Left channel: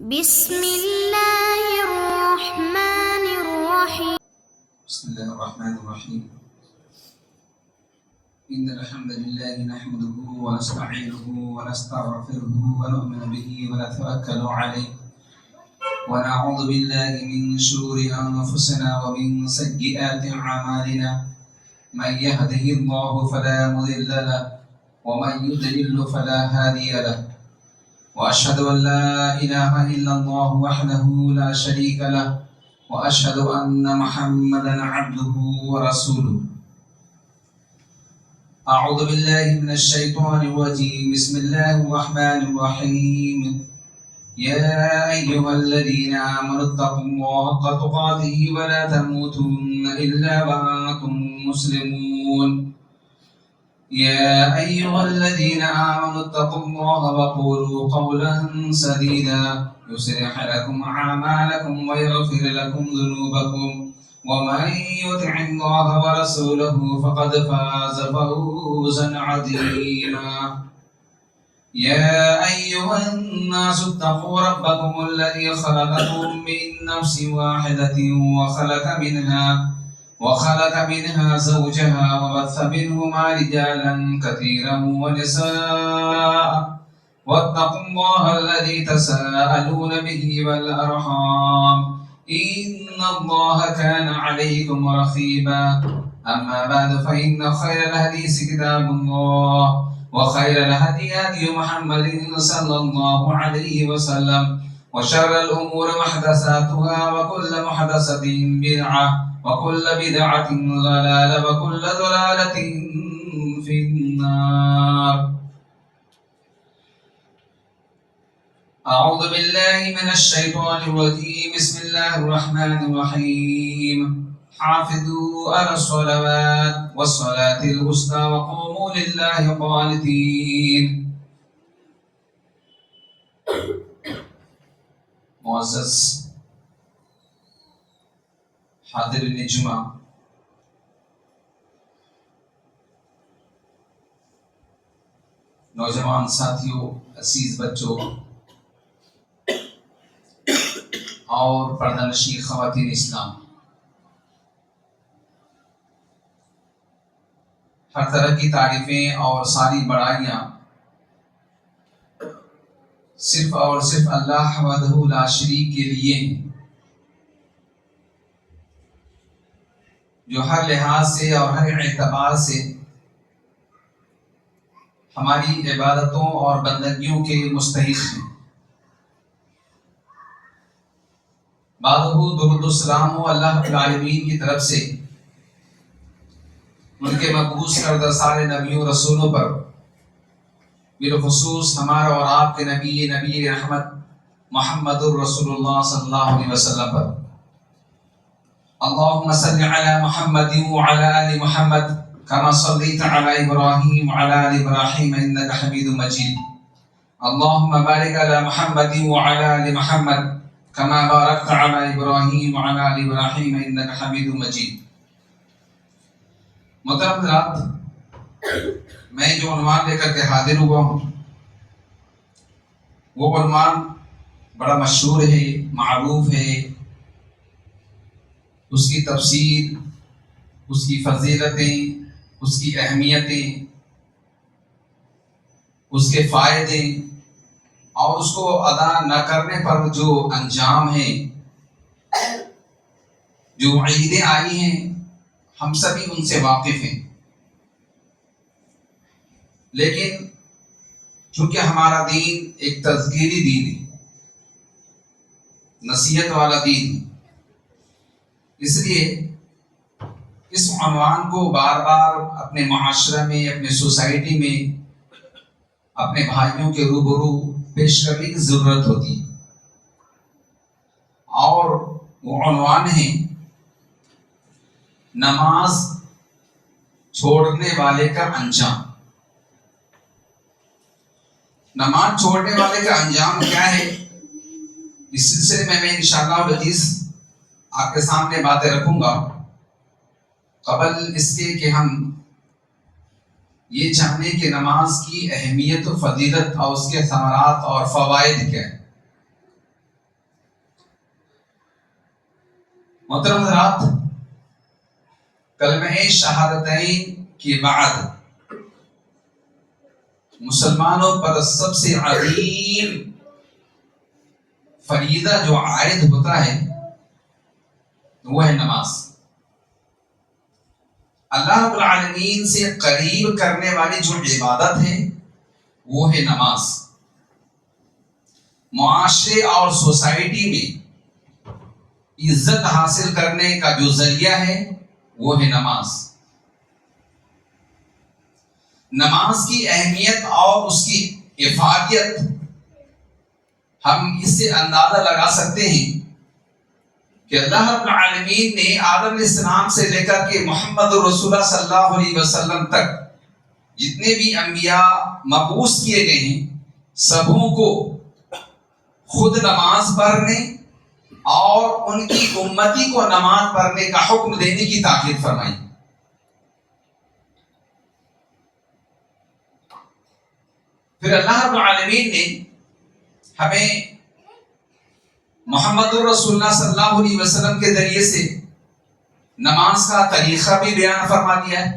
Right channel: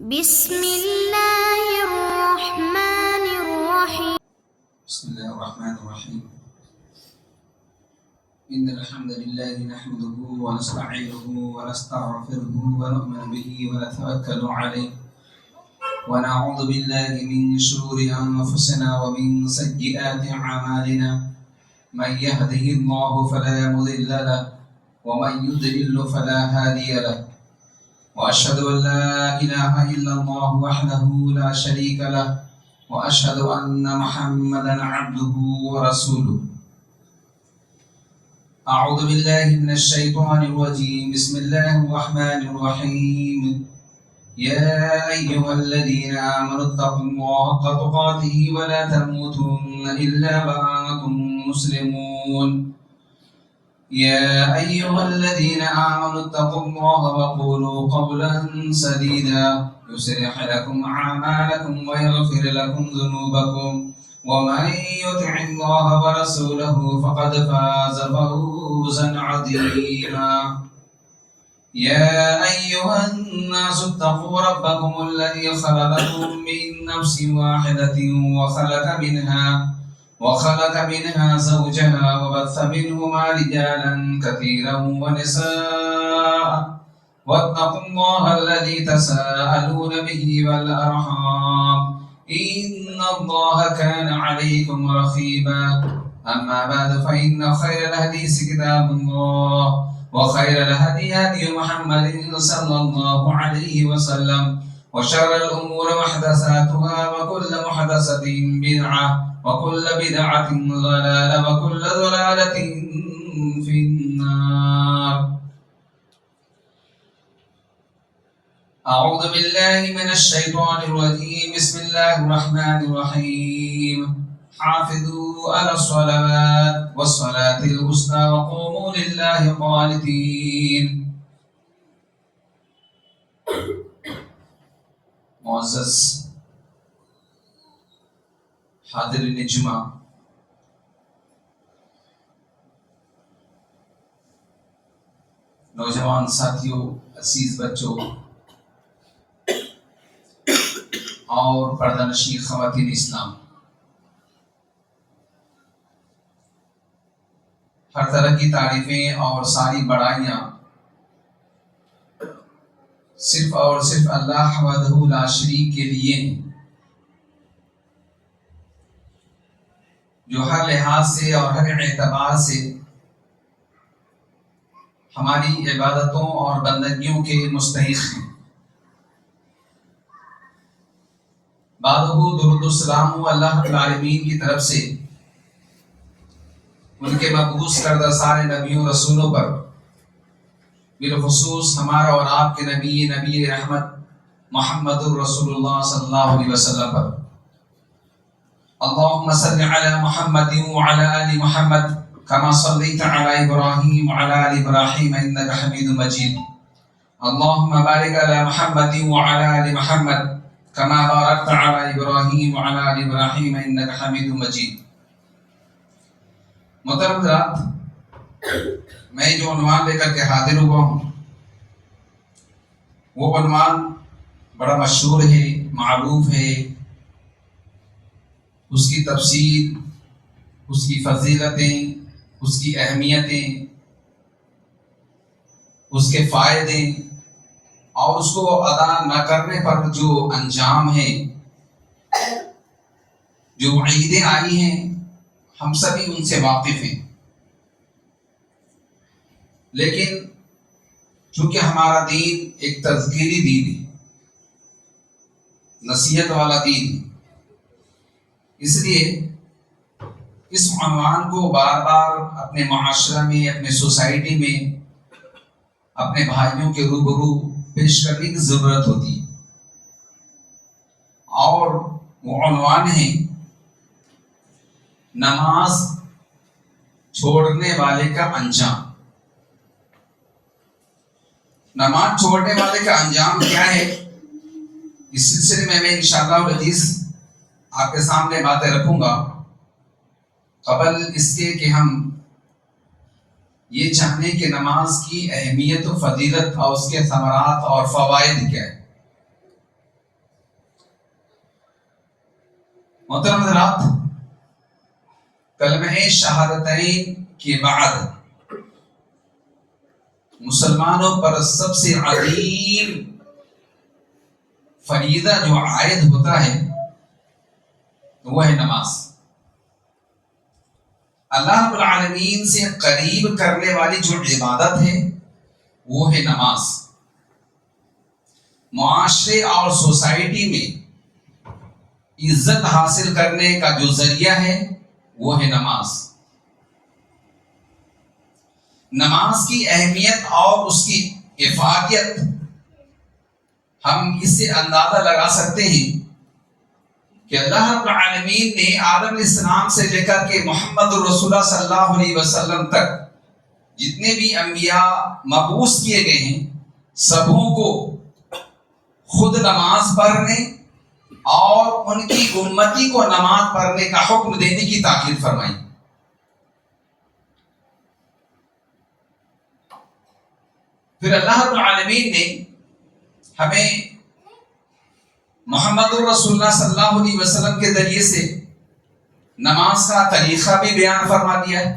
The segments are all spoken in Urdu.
بسم الله الرحمن الرحيم. بسم الله الرحمن الرحيم. إن الحمد لله نحمده ونستعينه ونستغفره ونؤمن به ونتوكل عليه ونعوذ بالله من شرور أنفسنا ومن سيئات أعمالنا. من يهده الله فلا مضل له ومن يضلل فلا هادي له. وأشهد أن لا إله إلا الله وحده لا شريك له وأشهد أن محمدا عبده ورسوله. أعوذ بالله من الشيطان الرجيم. بسم الله الرحمن الرحيم. يا أيها الذين آمنوا اتقوا الله حق تقاته ولا تموتن إلا وأنتم مسلمون. يا أيها الذين آمنوا اتقوا الله وقولوا قولا سديدا يصلح لكم أعمالكم ويغفر لكم ذنوبكم ومن يطع الله ورسوله فقد فاز فوزا عظيما. يا أيها الناس اتقوا ربكم الذي خلقكم من نفس واحدة وخلق منها زوجها وبث منهما رجالا كثيرا ونساء واتقوا الله الذي تساءلون به والأرحام إن الله كان عليكم رقيبا. أما بعد فإن خير الحديث كتاب الله وخير الهدي هدي محمد صلى الله عليه وسلم وشر الأمور محدثاتها وكل محدثة بدعة وكل بدعة ضلالة وكل ضلالة في النار. أعوذ بالله من الشيطان الرجيم. بسم الله الرحمن الرحيم. حافظوا على الصلوات والصلاة الوسطى وقوموا لله قانتين. معزز حاضرین جمعہ، نوجوان ساتھیوں، عزیز بچوں اور پردہ نشین خواتین اسلام، ہر طرح کی تعریفیں اور ساری بڑائیاں صرف اور صرف اللہ وحدہ لا شریک کے لیے ہیں، جو ہر لحاظ سے اور ہر اعتبار سے ہماری عبادتوں اور بندگیوں کے مستحق ہیں۔ بعدہ درود السلام ہو اللہ رب العالمین کی طرف سے ان کے مبعوث کردہ سارے نبیوں رسولوں پر، بالخصوص ہمارا اور آپ کے نبی رحمت محمد الرسول اللہ صلی اللہ علیہ وسلم پر۔ اللهم صل على محمد وعلى آل محمد كما صليت على إبراهيم وعلى آل إبراهيم إنك حميد مجيد. اللهم بارك على محمد وعلى آل محمد كما باركت على إبراهيم وعلى آل إبراهيم إنك حميد مجيد. محترم حضرات، میں جو عنوان لے کر کے حاضر ہوا ہوں وہ عنوان بڑا مشہور ہے، معروف ہے، اس کی تفسیر، اس کی فضیلتیں، اس کی اہمیتیں، اس کے فائدے اور اس کو ادا نہ کرنے پر جو انجام ہیں، جو وعیدیں آئی ہیں، ہم سبھی ان سے واقف ہیں۔ لیکن چونکہ ہمارا دین ایک تذکیری دین ہے، نصیحت والا دین ہے، اس لیے اس عنوان کو بار بار اپنے معاشرہ میں، اپنے سوسائٹی میں، اپنے بھائیوں کے روبرو پیش کرنے کی ضرورت ہوتی ہے، اور وہ عنوان ہے نماز چھوڑنے والے کا انجام۔ نماز چھوڑنے والے کا انجام کیا ہے؟ اس سلسلے میں انشاءاللہ العزیز آپ کے سامنے باتیں رکھوں گا۔ قبل اس کے کہ ہم یہ جانیں کہ نماز کی اہمیت و فضیلت اور اس کے ثمرات اور فوائد کیا ہے، محترم حضرات، کلمہ شہادتین کے بعد مسلمانوں پر سب سے عظیم فریضہ جو عائد ہوتا ہے وہ ہے نماز۔ اللہ رب العالمین سے قریب کرنے والی جو عبادت ہے وہ ہے نماز۔ معاشرے اور سوسائٹی میں عزت حاصل کرنے کا جو ذریعہ ہے وہ ہے نماز۔ نماز کی اہمیت اور اس کی افادیت ہم اس سے اندازہ لگا سکتے ہیں کہ اللہ رب العالمین نے آدم علیہ السلام سے لے کر کے محمد رسول اللہ صلی اللہ علیہ وسلم تک جتنے بھی انبیاء مبعوث کیے گئے ہیں سبوں کو خود نماز پڑھنے اور ان کی امتی کو نماز پڑھنے کا حکم دینے کی تاکید فرمائی۔ پھر اللہ رب العالمین نے ہمیں محمد رسول اللہ صلی اللہ علیہ وسلم کے ذریعے سے نماز کا طریقہ بھی بیان فرما دیا ہے،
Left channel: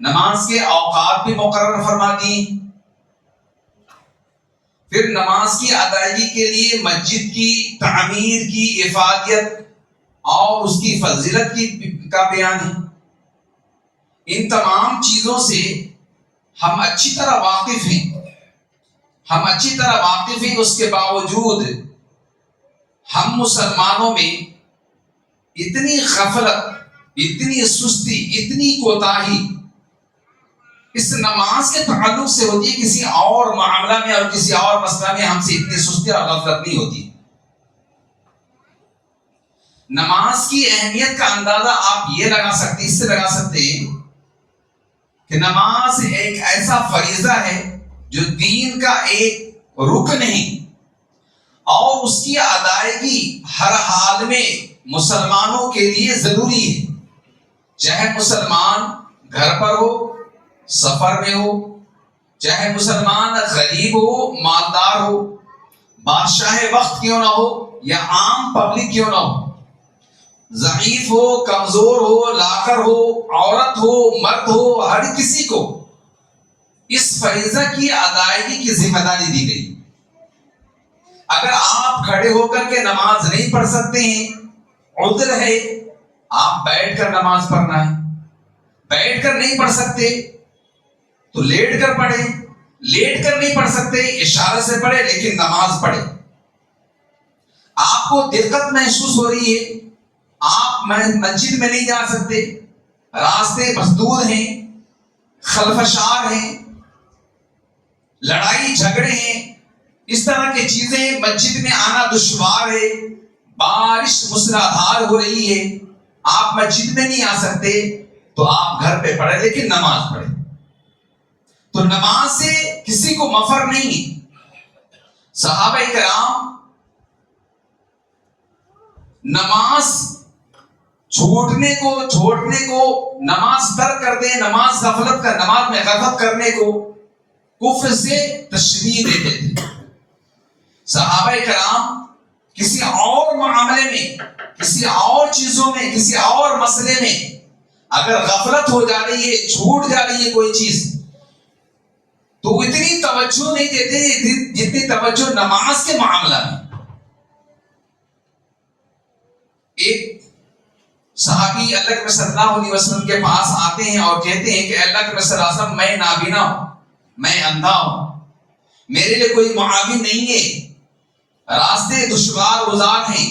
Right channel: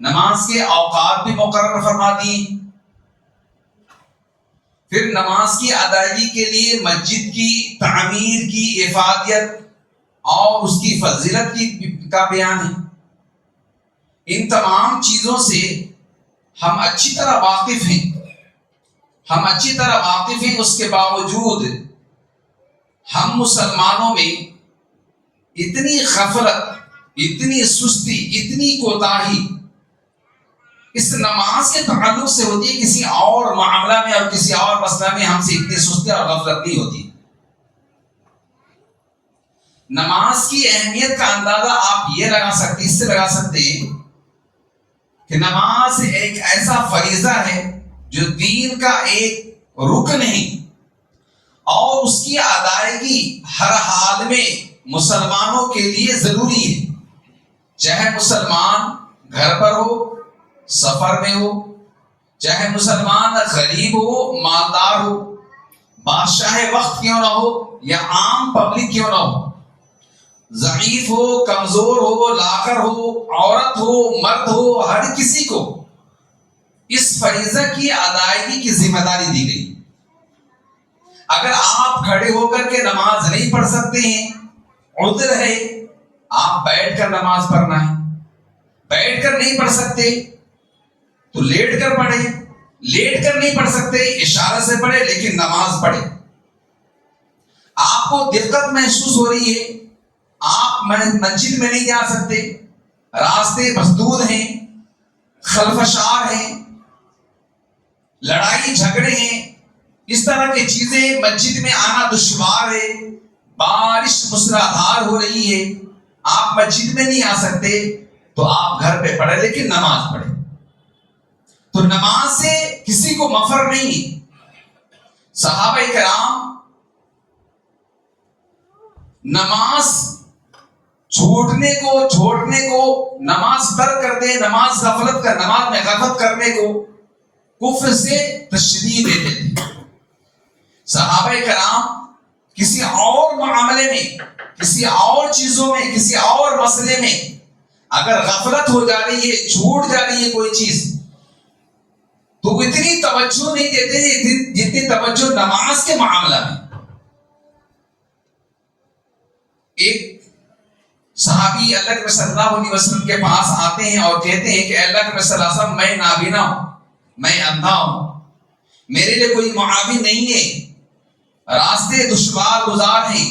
نماز کے اوقات بھی مقرر فرما دیے، پھر نماز کی ادائیگی کے لیے مسجد کی تعمیر کی افادیت اور اس کی فضیلت کا بیان ہے۔ ان تمام چیزوں سے ہم اچھی طرح واقف ہیں، اس کے باوجود ہم مسلمانوں میں اتنی غفلت، اتنی سستی، اتنی کوتاہی اس نماز کے تعلق سے ہوتی ہے، کسی اور معاملہ میں اور کسی اور مسئلہ میں ہم سے اتنی سستی اور غفلت نہیں ہوتی۔ نماز کی اہمیت کا اندازہ آپ اس سے لگا سکتے ہیں کہ نماز ایک ایسا فریضہ ہے جو دین کا ایک رکن ہے اور اس کی ادائیگی ہر حال میں مسلمانوں کے لیے ضروری ہے، چاہے مسلمان گھر پر ہو، سفر میں ہو، چاہے مسلمان غریب ہو، مالدار ہو، بادشاہ وقت کیوں نہ ہو یا عام پبلک کیوں نہ ہو، ضعیف ہو، کمزور ہو، لاغر ہو، عورت ہو، مرد ہو، ہر کسی کو اس فریضہ کی ادائیگی کی ذمہ داری دی گئی۔ اگر آپ کھڑے ہو کر کے نماز نہیں پڑھ سکتے ہیں، عذر ہے، آپ بیٹھ کر نماز پڑھنا ہے۔ بیٹھ کر نہیں پڑھ سکتے تو لیٹ کر پڑھیں، لیٹ کر نہیں پڑھ سکتے اشارے سے پڑھیں لیکن نماز پڑھیں۔ آپ کو دقت محسوس ہو رہی ہے، آپ مسجد میں نہیں جا سکتے، راستے مسدود ہیں، خلفشار ہیں، لڑائی جھگڑے ہیں، اس طرح کی چیزیں، مسجد میں آنا دشوار ہے، بارش موسلادھار ہو رہی ہے، آپ مسجد میں نہیں آ سکتے تو آپ گھر پہ پڑھیں لیکن نماز پڑھیں۔ تو نماز سے کسی کو مفر نہیں ہے۔ صحابہ کرام نماز چھوڑنے کو نماز ترک کرتے ہیں، نماز میں غفلت کرنے کو کفر سے تشریح دیتے تھے۔ صحابہ کرام کسی اور معاملے میں، کسی اور چیزوں میں، کسی اور مسئلے میں اگر غفلت ہو جا رہی ہے، چھوٹ جا رہی ہے کوئی چیز، تو اتنی توجہ نہیں دیتے جتنی توجہ نماز کے معاملہ میں۔ ایک صحابی اللہ کے صلی اللہ علیہ وسلم کے پاس آتے ہیں اور کہتے ہیں کہ اللہ کے صلی اللہ علیہ وسلم، میں نابینا ہوں، میں اندھا ہوں، میرے لیے کوئی معاون نہیں ہے، راستے دشوار گزار ہیں،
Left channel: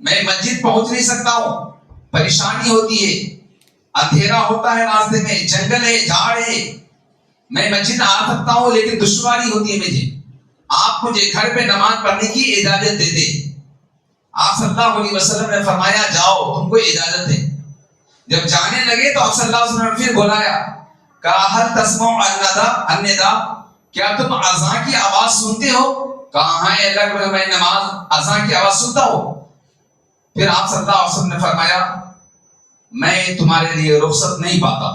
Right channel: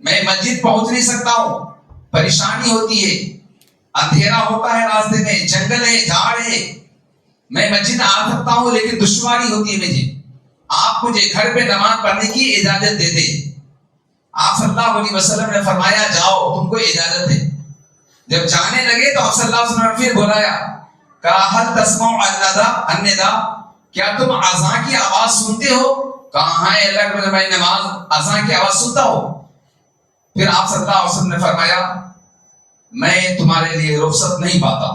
میں مسجد پہنچ نہیں سکتا ہوں، پریشانی ہوتی ہے، اندھیرا ہوتا ہے، راستے میں جنگل ہے، جھاڑ ہے، میں مسجد آ سکتا ہوں لیکن دشواری ہوتی ہے مجھے، آپ مجھے گھر پہ نماز پڑھنے کی اجازت دے دیں۔ آپ صلی اللہ علیہ وسلم نے فرمایا جاؤ، تم کو اجازت ہے۔ جب جانے لگے تو آپ صلی اللہ علیہ وسلم نے پھر بلایا، کہا هل تسمع النداء، کیا تم اذان کی آواز سنتے ہو؟ کہا ہاں اللہ کے میں نماز اذان کی آواز سنتا ہوں۔ پھر آپ صلی اللہ علیہ وسلم نے فرمایا میں تمہارے لیے رخصت نہیں پاتا،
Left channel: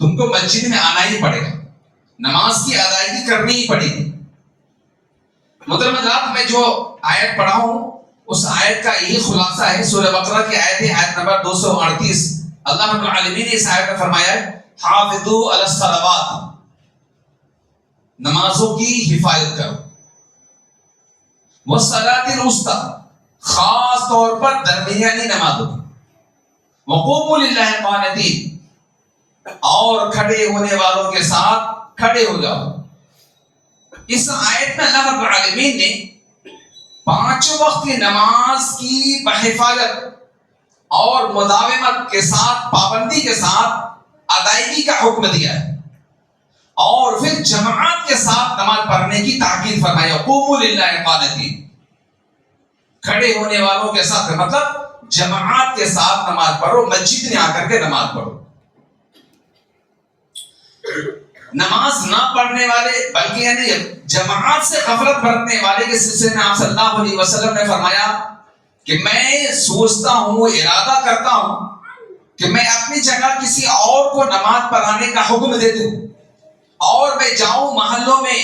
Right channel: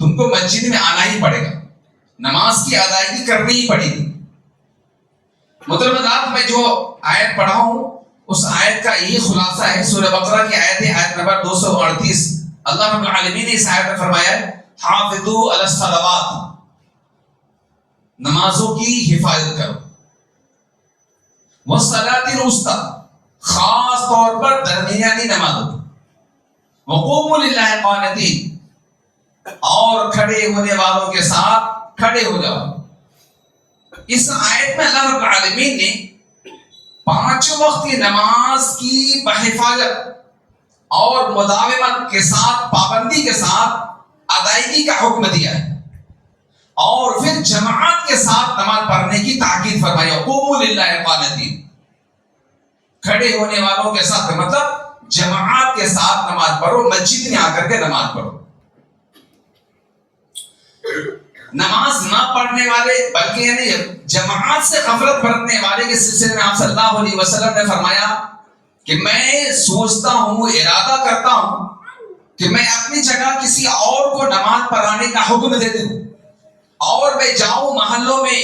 تم کو مسجد میں آنا ہی پڑے گا، نماز کی ادائیگی کرنی ہی پڑے گی۔ محترم حضرات، میں جو آیت پڑھا ہوں اس آیت کا یہی خلاصہ ہے سورہ بقرہ کی آیت ہے، آیت نمبر 238۔ اللہ رب العالمین نے اس آیت میں فرمایا ہے حافظوا علی الصلوات، نمازوں کی حفاظت کرو، والصلاۃ الوسطی، خاص طور پر درمیانی نمازوں کی، وقوموا للہ قانتین، اور کھڑے ہونے والوں کے ساتھ کھڑے ہو جاؤ۔ اس آیت میں اللہ رب العالمین نے 5 وقت کی نماز کی بحفاظت اور مداومت کے ساتھ، پابندی کے ساتھ ادائیگی کا حکم دیا ہے، اور پھر جماعت کے ساتھ نماز پڑھنے کی تاکید فرمائی، قوموا للہ قانتین، کھڑے ہونے والوں کے ساتھ، مطلب جماعت کے ساتھ نماز پڑھو، مسجد میں آ کر کے نماز پڑھو۔ نماز نہ پڑھنے والے، بلکہ یعنی جماعت سے غفلت برتنے والے کے سلسلے میں آپ صلی اللہ علیہ وسلم نے فرمایا کہ میں سوچتا ہوں، ارادہ کرتا ہوں کہ میں اپنی جگہ کسی اور کو نماز پڑھانے کا حکم دے دوں، اور میں جاؤں محلوں میں،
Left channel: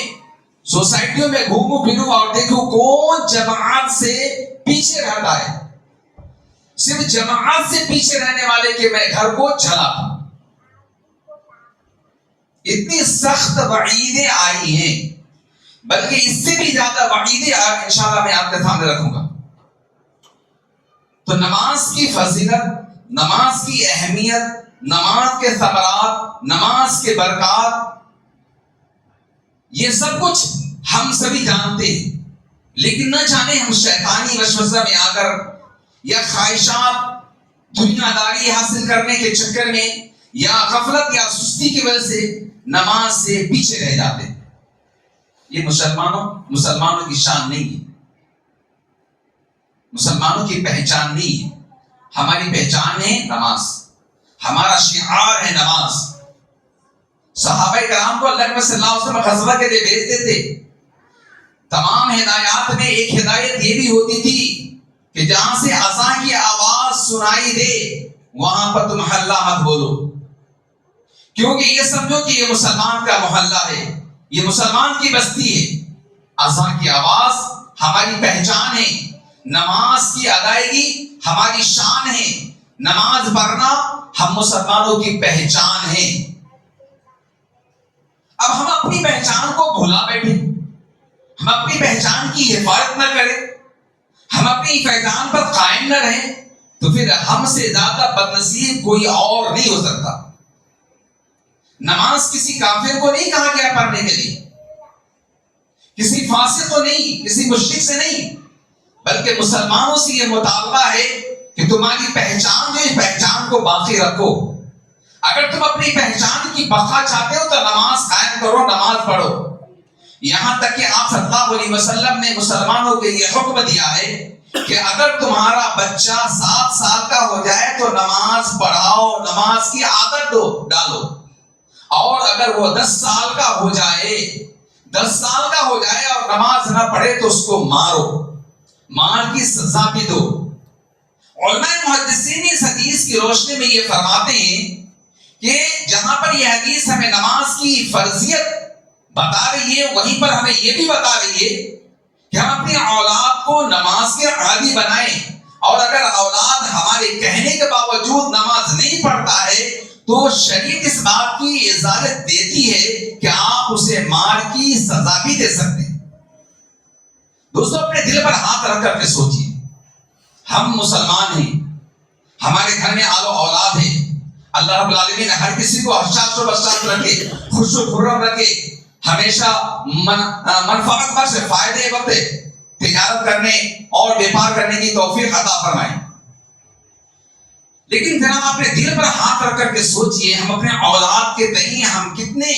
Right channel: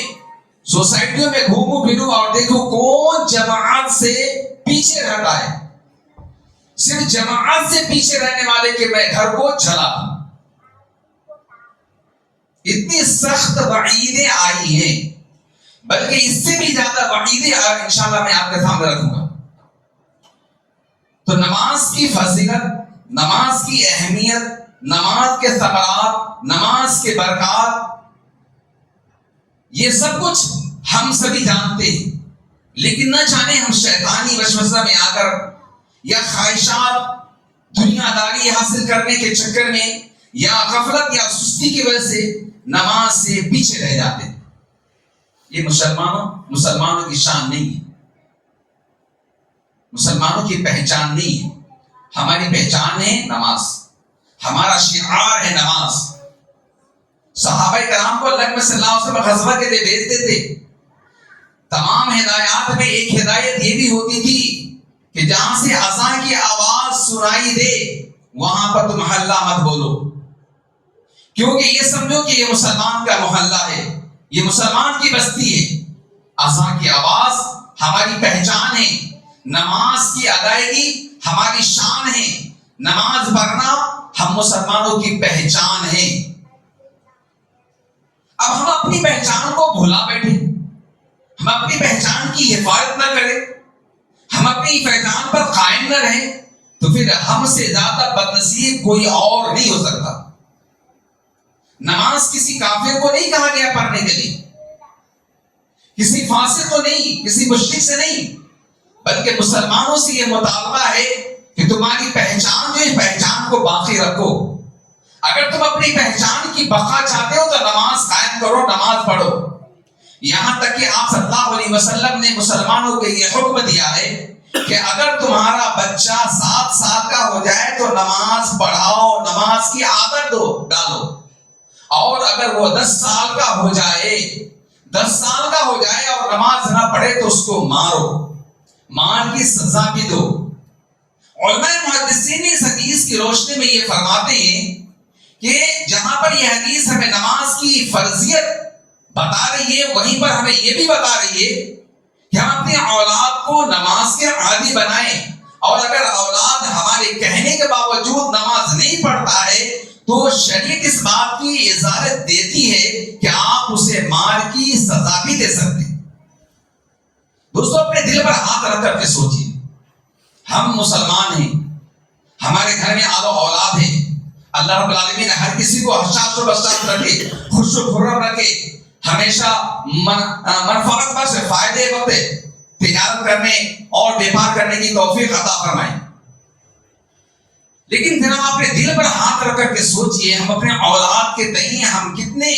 سوسائٹیوں میں گھوموں پھروں اور دیکھوں کون جماعت سے پیچھے رہتا ہے، صرف جماعت سے پیچھے رہنے والے کے میں گھر کو جلا دوں۔ اتنی سخت وعیدیں آئی ہیں، بلکہ اس سے بھی زیادہ وعیدیں انشاءاللہ میں آپ کے سامنے رکھوں گا۔ تو نماز کی فضیلت، نماز کی اہمیت، نماز کے ثمرات، نماز کے برکات، یہ سب کچھ ہم سبھی جانتے ہیں، لیکن نہ جانے ہم شیطانی وسوسہ میں آ کر یا خواہشات دنیا داری حاصل کرنے کے چکر میں یا غفلت یا سستی کی وجہ سے نماز سے پیچھے رہ جاتے ہیں۔ یہ مسلمانوں کی شان نہیں ہے، مسلمانوں کی پہچان نہیں ہے۔ ہماری پہچان ہے نماز، ہمارا شعار ہے نماز۔ صحابہ کرام کو اللہ صلی اللہ علیہ وسلم غزوہ کے لیے بھیجتے تھے، تمام ہدایات میں ایک ہدایت یہ بھی ہوتی تھی کہ جہاں سے اذان کی آواز سنائی دے وہاں پر تم ہلّا مت بولو، کیونکہ یہ سمجھو کہ یہ مسلمان کا محلہ ہے، یہ مسلمان کی بستی ہے۔ اذان کی آواز ہماری پہچان ہے، نماز کی ادائیگی ہماری شان ہے، نماز پڑھنا ہم مسلمانوں کی پہچان ہے۔ اب ہم اپنی پہچان کو بھولا بیٹھے، ہم اپنی پہچان کی حفاظت نہ کریں، ہم اپنی پہچان پر قائم نہ رہیں، تو پھر ہم سے زیادہ بدنصیب کوئی اور نہیں ہو سکتا۔ نماز کسی کافر کو نہیں کہا گیا پڑھنے کے لیے، کسی فاسق کو نہیں، کسی مشرک سے نہیں، بلکہ مسلمانوں سے یہ مطالبہ ہے کہ تمہاری پہچان جو ہے، پہچان کو باقی رکھو۔ اگر تم اپنی پہچان کی بقا چاہتے ہو تو نماز قائم کرو، نماز پڑھو۔ یہاں تک کہ آپ صلی اللہ علیہ وسلم نے مسلمانوں کو یہ حکم دیا ہے کہ اگر تمہارا بچہ 7 سال کا ہو جائے تو نماز پڑھاؤ، نماز کی عادت ڈالو، اور اگر وہ 10 سال کا ہو جائے، 10 سال کا ہو جائے اور نماز نہ پڑھے تو اس کو مارو، مار کی سزا بھی دو۔ علماء محدثین اس حدیث کی روشنی میں یہ فرماتے ہیں کہ جہاں پر یہ حدیث ہمیں نماز کی فرضیت بتا رہی ہے، وہیں پر ہمیں یہ بھی بتا رہی ہے کہ ہم اپنی اولاد کو نماز کے عادی بنائیں، اور اگر اولاد ہمارے کہنے کے باوجود نماز نہیں پڑھتا ہے تو شریعت اس بات کی اجازت دیتی ہے کہ آپ اسے مار کی سزا بھی دے سکتے ہیں۔ دوستو اپنے دل پر ہاتھ رکھ کر کے سوچیے، ہم مسلمان ہیں، ہمارے گھر میں آل و اولاد ہے، اللہ رب العالمین ہر کسی کو حشاش و بشاش رکھے، خوش و خرم رکھے، ہمیشہ منفعت بخش فائدے وقت تجارت کرنے اور بیپار کرنے کی توفیق عطا فرمائے۔ لیکن پھر ہم اپنے دل پر ہاتھ رکھ کر کے سوچئے، ہم اپنے اولاد کے تئیں ہم کتنے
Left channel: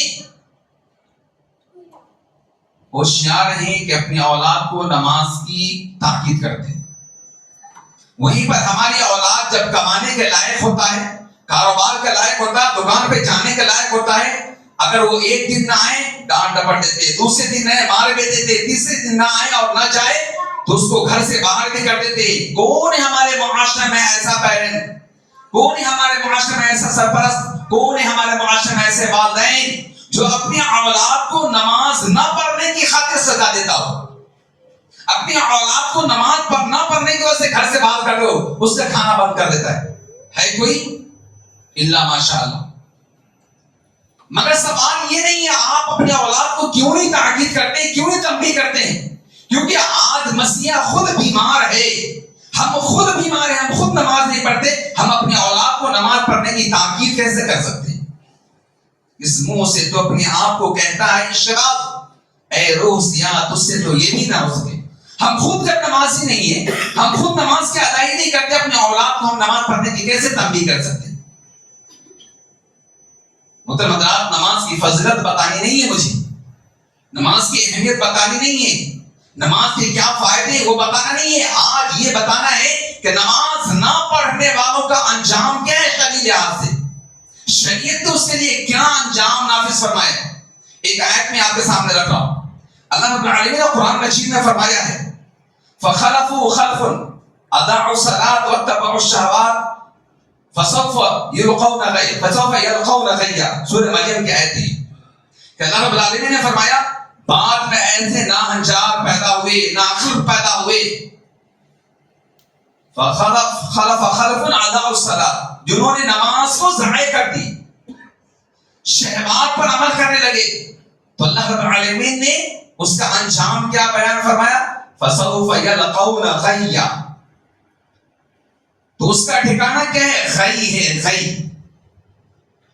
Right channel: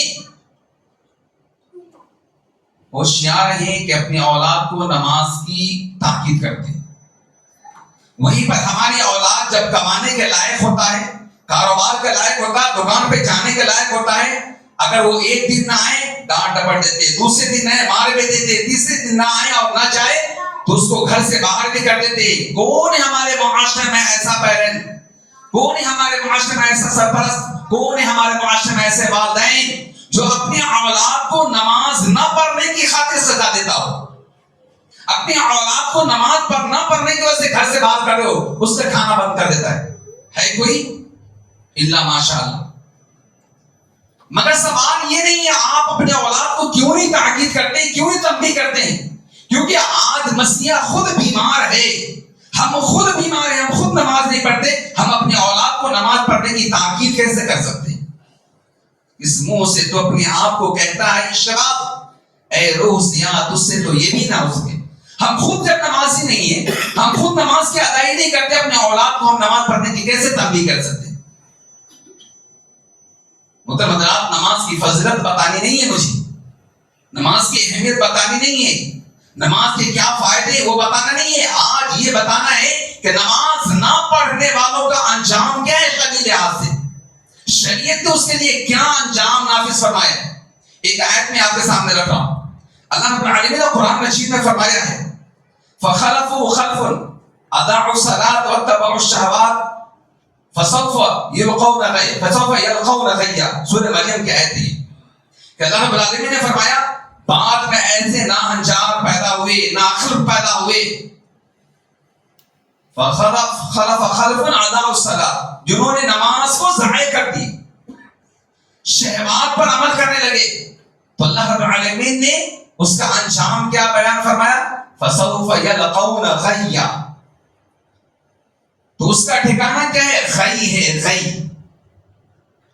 ہوشیار ہیں کہ اپنی اولاد کو نماز کی تاکید کرتے ہیں۔ وہیں پر ہماری اولاد جب کمانے کے لائق ہوتا ہے، کاروبار کے لائق ہوتا ہے، دکان پہ جانے کے لائق ہوتا ہے، اگر وہ ایک دن نہ آئے ڈانٹ ڈپٹ دیتے، دوسرے دن نہ مار بھی دیتے، تیسرے دن نہ آئے اور نہ جائے تو اس کو گھر سے باہر بھی کر دیتے۔ کون ہے ہمارے معاشرے میں ایسا پیرنٹ، کون ہے ہمارے معاشرے میں ایسا سرپرست، کون ہے ہمارے معاشرے میں ایسے والدین جو اپنی اولاد کو نماز نہ پڑھنے کی خاطر سزا دیتا ہو؟ اپنی اولاد کو نماز نہ پڑھنے کی وجہ سے گھر سے باہر کر دو، اس کا کھانا بند کر دیتا ہے کوئی؟ الا ماشاء اللہ۔ مگر سوال یہ نہیں ہے آپ اپنے اولاد کو کیوں نہیں تاکید کرتے، کیوں نہیں تنبیہ کرتے ہیں؟ کیونکہ آج مسیح خود بیمار ہے، ہم خود بیمار ہیں، ہم خود نماز نہیں پڑھتے، ہم اپنے اولاد کو نماز پڑھنے کی تاکید کیسے کر سکتے ہیں؟ اس منہ سے تو اپنے آپ کو کہتا ہے شراب، اے روح سیاہ، تجھ سے تو یہ بھی نہ ہو سکے۔ ہم خود جب نمازی نہیں ہیں، ہم خود نماز کی ادائیگی نہیں کرتے، اپنے اولاد کو ہم نماز پڑھنے کی کیسے تنبیہ کر سکتے ہیں؟ محترم حضرات، نماز کی فضیلت بتانی نہیں ہے مجھے، نماز کی اہمیت بتانی نہیں ہے، نماز کے کیا فائدے وہ بتانا نہیں ہے، آج یہ بتانا ہے کہ نماز نہ پڑھنے والوں کا انجام کیا ہے شرعی لحاظ سے، شریعت نے اس کے لیے کیا انجام نافذ فرمایا ہے۔ ایک آیت میں آپ کے سامنے رکھ رہا ہوں، اللہ رب العالمین نے قرآن مجید میں فرمایا ہے فَخَلَفُوا خَلْفٌ أَضَاعُوا الصَّلَاةَ وَاتَّبَعُوا الشَّهَوَاتِ فَسَوْفَ يَلْقَوْنَ غَيًّا۔ سورہ مریم کی آیت ہے کہ اللہ رب العالمین نے فرمایا بعد میں ایسے ناہنجار پیدا ہوئے، ناخلق پیدا ہوئے، فَخَلَفَ خَلْفٌ أَضَاعُوا الصَّلَاةَ، جنہوں نے نماز کو ضائع کر دی، شہوات پر عمل کرنے لگے، تو اللہ رب العالمین نے اس کا انجام کیا بیان فرمایا؟ فَسَوْفَ يَلْقَوْنَ غَيًّا، تو اس کا ٹھکانہ کیا ہے؟ غی ہے، غی۔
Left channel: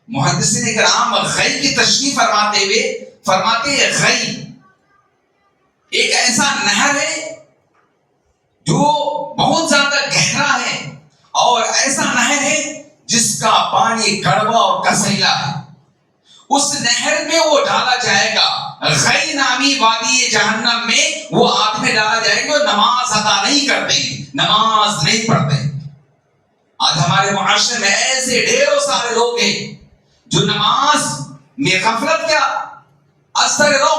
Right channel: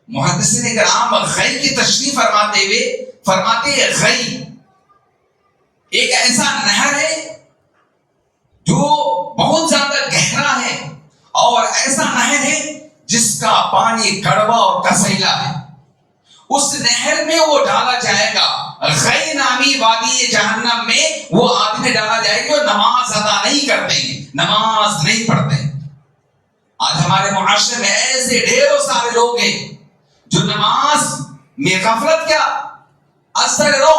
محدثین کرام غی کی تشریح فرماتے ہوئے فرماتے ہیں غی ایک ایسا نہر ہے جو بہت زیادہ گہرا ہے، اور ایسا نہر ہے جس کا پانی کڑوا اور کسیلا ہے، اس نہر میں وہ ڈالا جائے گا، غی نامی وادی جہنم میں وہ آدمی ڈالا جائے گا، نماز ادا نہیں کرتے ہیں، نماز نہیں پڑھتے ہیں۔ آج ہمارے معاشرے میں ایسے ڈھیروں سارے لوگ ہیں جو نماز میں غفلت کیا اثر رو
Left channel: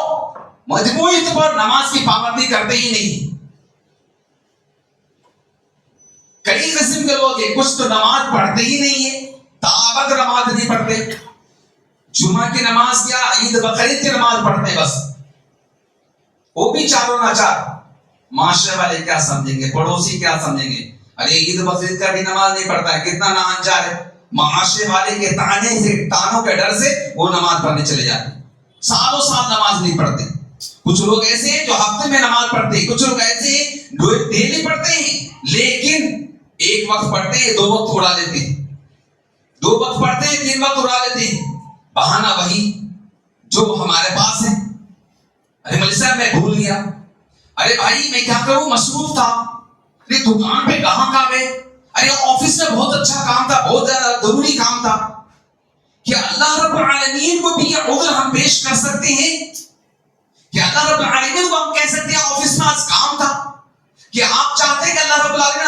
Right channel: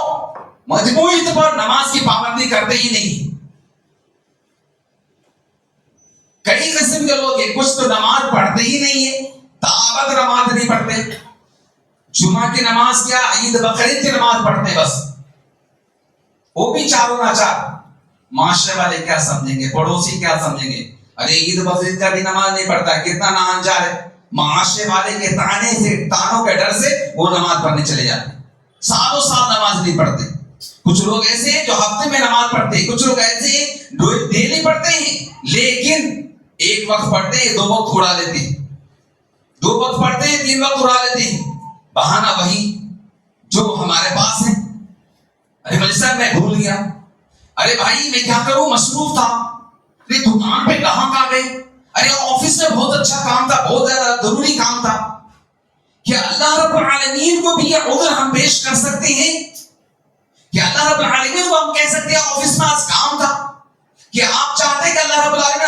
مجموعی طور پر نماز کی پابندی کرتے ہی نہیں۔ کئی قسم کے لوگ ہیں، کچھ تو نماز پڑھتے ہی نہیں ہے، تابت نماز نہیں پڑھتے، جمعہ کی نماز کیا، عید بقرعید کی نماز پڑھتے بس، وہ بھی چاروں ناچار۔ معاشرے والے کیا سمجھیں گے، پڑوسی کیا سمجھیں گے، ارے عید بقرعید کا بھی نماز نہیں پڑھتا ہے، کتنا ناہنجار ہے۔ معاشرے والے کے تانوں کے ڈر سے وہ نماز پڑھنے چلے جاتے، سالوں سال نماز نہیں پڑھتے۔ کچھ لوگ ایسے ہیں جو ہفتے میں نماز پڑھتے ہیں، کچھ لوگ ایسے ہیں جو ڈیلی پڑھتے ہیں، لیکن ایک وقت پڑھتے ہیں، دو وقت اڑا لیتے ہیں، دو وقت پڑھتے ہیں، تین وقت اڑا لیتے ہیں، بہانہ وہی جو ہمارے پاس ہے، ارے مجھے صاحب میں بھول گیا، ارے بھائی میں کیا کروں، مصروف تھا، ارے دکان پہ کہاں آ گئے، ارے آفس میں بہت اچھا کام تھا، بہت ضروری کام تھا۔ کیا اللہ رب العالمین کو بھی یہ عذر ہم پیش کر سکتے ہیں؟ کیا اللہ رب العالمین کو ہم کہہ سکتے ہیں آفس میں آج کام تھا؟ کہ آپ چاہتے ہیں کہ اللہ رب العالمین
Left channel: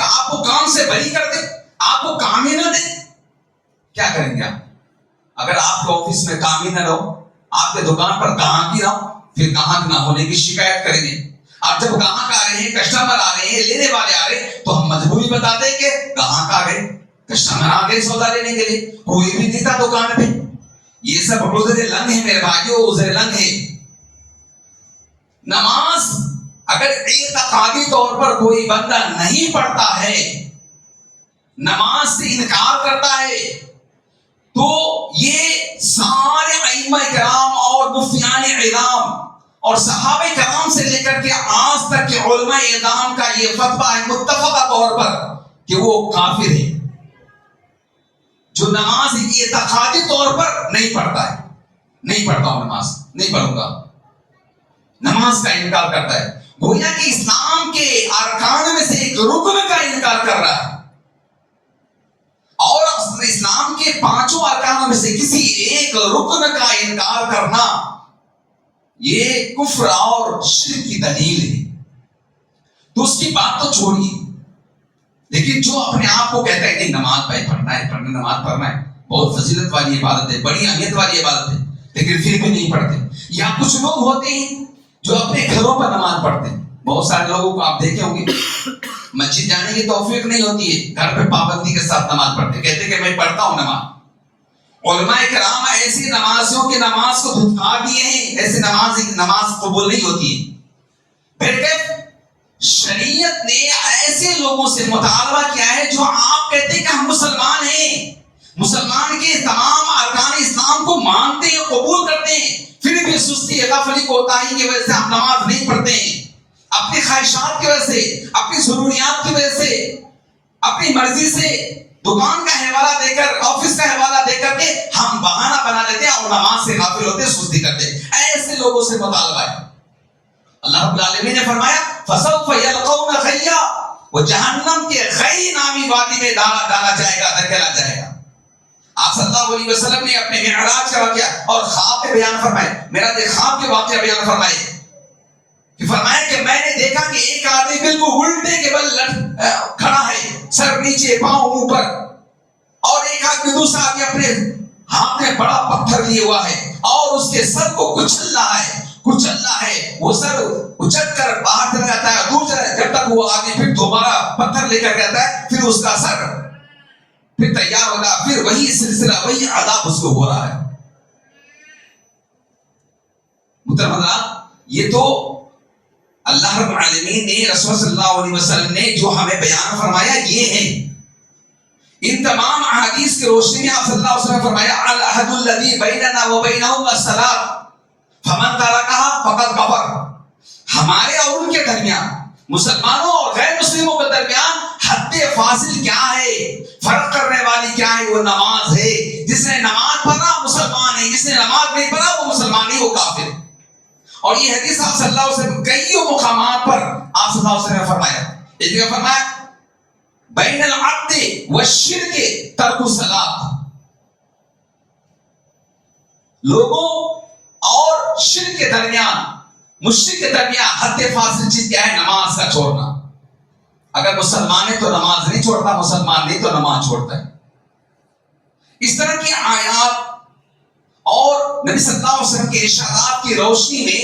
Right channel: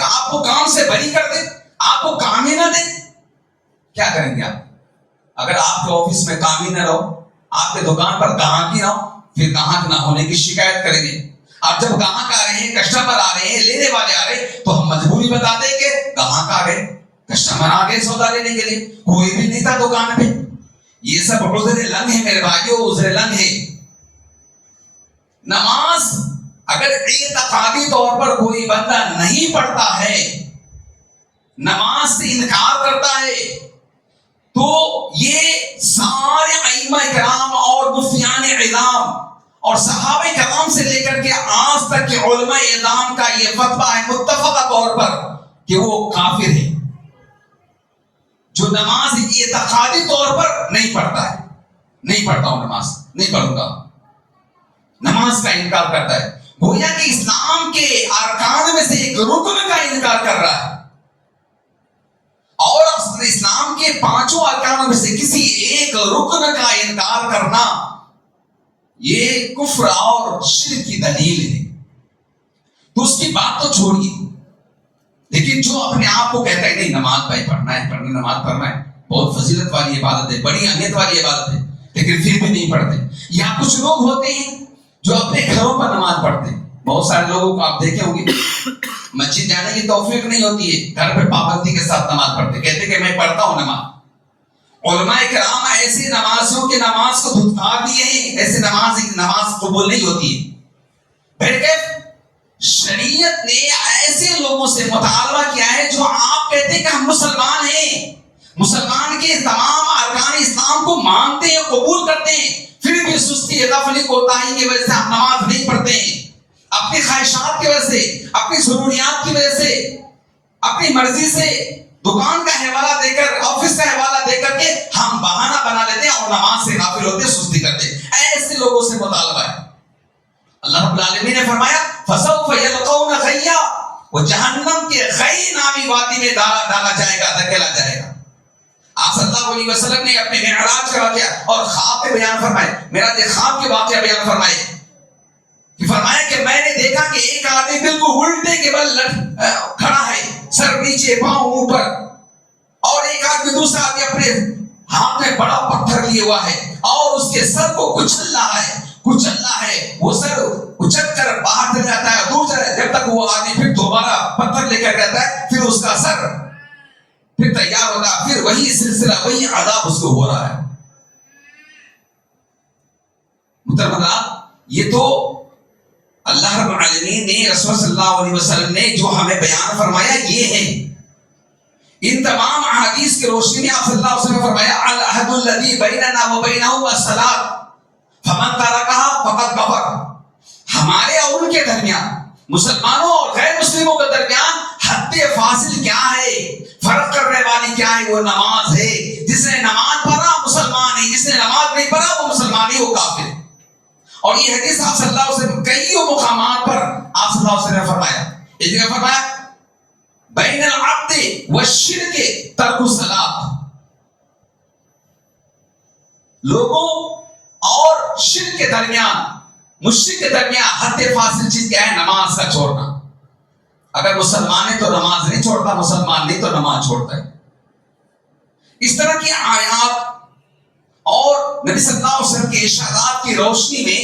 آپ کو کام سے بری کر دے، آپ کو کام ہی نہ دے؟ کیا کریں گے آپ؟ اگر آپ کے آفس میں کام ہی نہ رہو، آپ کے دکان پر گاہک ہی نہ ہو، پھر گاہک نہ ہونے کی شکایت کریں گے۔ اور جب گاہک آ رہے ہیں، کسٹمر آ رہے ہیں، لینے والے آ رہے ہیں، تو ہم مجبوری بتاتے ہیں کہ گاہک آ گئے، کسٹمر آ گئے سودا لینے کے لیے، کوئی بھی نہیں تھا دکان پہ۔ یہ سب عذر لنگ ہے میرے بھائیو، عذر لنگ ہے۔ نماز اگر اعتقادی طور پر کوئی بندہ نہیں پڑھتا ہے، نماز سے انکار کرتا ہے، تو یہ سارے ائمہ کرام اور مفتیان اعلام اور صحابہ کرام سے لے کر کے آج تک کے علماء اعلام کا یہ فتویٰ ہے متفقہ طور پر کہ وہ کافر ہے جو نماز اعتقادی طور پر نہیں پڑھتا ہے۔ نہیں پڑھتا ہوں نماز، نہیں پڑھوں گا، نماز کا انکار کرتا ہے، گویا کہ اسلام کے ارکان میں سے ایک رکن کا انکار کر رہا ہے، اور اسلام کے پانچوں ارکانوں میں سے کسی ایک رکن کا انکار کرنا یہ کفر اور شرک کی دلیل ہے۔ تو اس کی بات تو چھوڑیے، لیکن جو اپنے آپ کو کہتا ہے نہیں نماز بھائی پڑھنا ہے، نماز پڑھنا ہے، بہت فضیلت والی عبادت ہے، بڑی اہمیت والی عبادت ہے، لیکن پھر بھی نہیں پڑھتے۔ یا کچھ لوگ ہوتے ہیں جو اپنے گھروں پر نماز پڑھتے ہیں، بہت سارے لوگوں کو آپ دیکھے ہوں گے مسجد جانے کی توفیق نہیں ہوتی ہے، گھر پہ پابندی کے ساتھ نماز پڑھتے، کہتے کہ میں پڑھتا ہوں نماز۔ علماء کرام ایسی نمازوں کی نماز کو دھتکار دیے ہیں، ایسی نماز قبول نہیں ہوتی ہے۔ پھر کہ کی غفلت کوتاہی کی وجہ سے ہم نماز نہیں پڑھتے ہیں، اپنی خواہشات کی وجہ سے، اپنی ضروریات کی وجہ سے، اپنی مرضی سے دکان کا حوالہ دے کر، آفس کا حوالہ دے کر کے ہم بہانہ بنا لیتے ہیں اور نماز سے غافل ہوتے، سستی کرتے ہیں۔ ایسے لوگوں سے مطالبہ ہے۔ اللہ رب العالمین نے فرمایا فَسَوْفَ يَلْقَوْنَ غَيًّا، وہ جہنم کے غی نامی وادی میں ڈالا جائے گا، دھکیلا جائے گا۔ آپ صلی اللہ علیہ وسلم نے اپنے معراج کا واقعہ اور خواب کے بیان فرمائے، معراج خواب کے واقعہ بیان فرمائے کہ فرمایا کہ میں نے دیکھا کہ ایک آدمی بالکل الٹے کے بل کھڑا ہے، سر نیچے پاؤں اوپر، اور ایک آدمی دوسرا آدمی اپنے ہاتھ میں بڑا پتھر لیے ہوا ہے اور اس کے سر کو کچل رہا ہے، وہ سر اچک کر باہر چلا جاتا ہے، دور چلا جاتا ہے، جب تک وہ آدمی پھر دوبارہ پتھر لے کر جاتا ہے، پھر اس کا سر پھر تیار ہوگا، پھر وہی سلسلہ، وہی عذاب اس کو ہو رہا ہے۔ محترم، یہ تو اللہ رب العالمین نے، رسول صلی اللہ علیہ وسلم نے جو ہمیں بیان فرمایا یہ ہے۔ ان تمام احادیث کی روشنی میں آپ صلی اللہ علیہ وسلم نے فرمایا العہد الذی بیننا وبینہم الصلاۃ فمن ترکہا فقد کفر۔ ہمارے اور ان کے درمیان، مسلمانوں اور غیر مسلموں کے درمیان حد فاصل کیا ہے، فرق کرنے والی کیا ہے؟ وہ نماز ہے۔ جس نے نماز پڑھا مسلمان ہے، جس نے نماز نہیں پڑھا وہ مسلمان ہی، وہ کافر۔ اور یہ حدیث آپ صلی اللہ علیہ وسلم کئی مقامات پر آپ صلی اللہ علیہ وسلم نے فرمایا۔ ایک جگہ فرمایا بین العبد والشرک ترک الصلاۃ، لوگوں اور شرک کے درمیان، مشرک کے درمیان حد فاصل چیز کیا ہے؟ نماز کا چھوڑنا۔ اگر مسلمان ہے تو نماز نہیں چھوڑتا، مسلمان نہیں تو نماز چھوڑتا ہے۔ اس طرح کی آیات اور نبی صلی اللہ علیہ وسلم کے ارشادات کی روشنی میں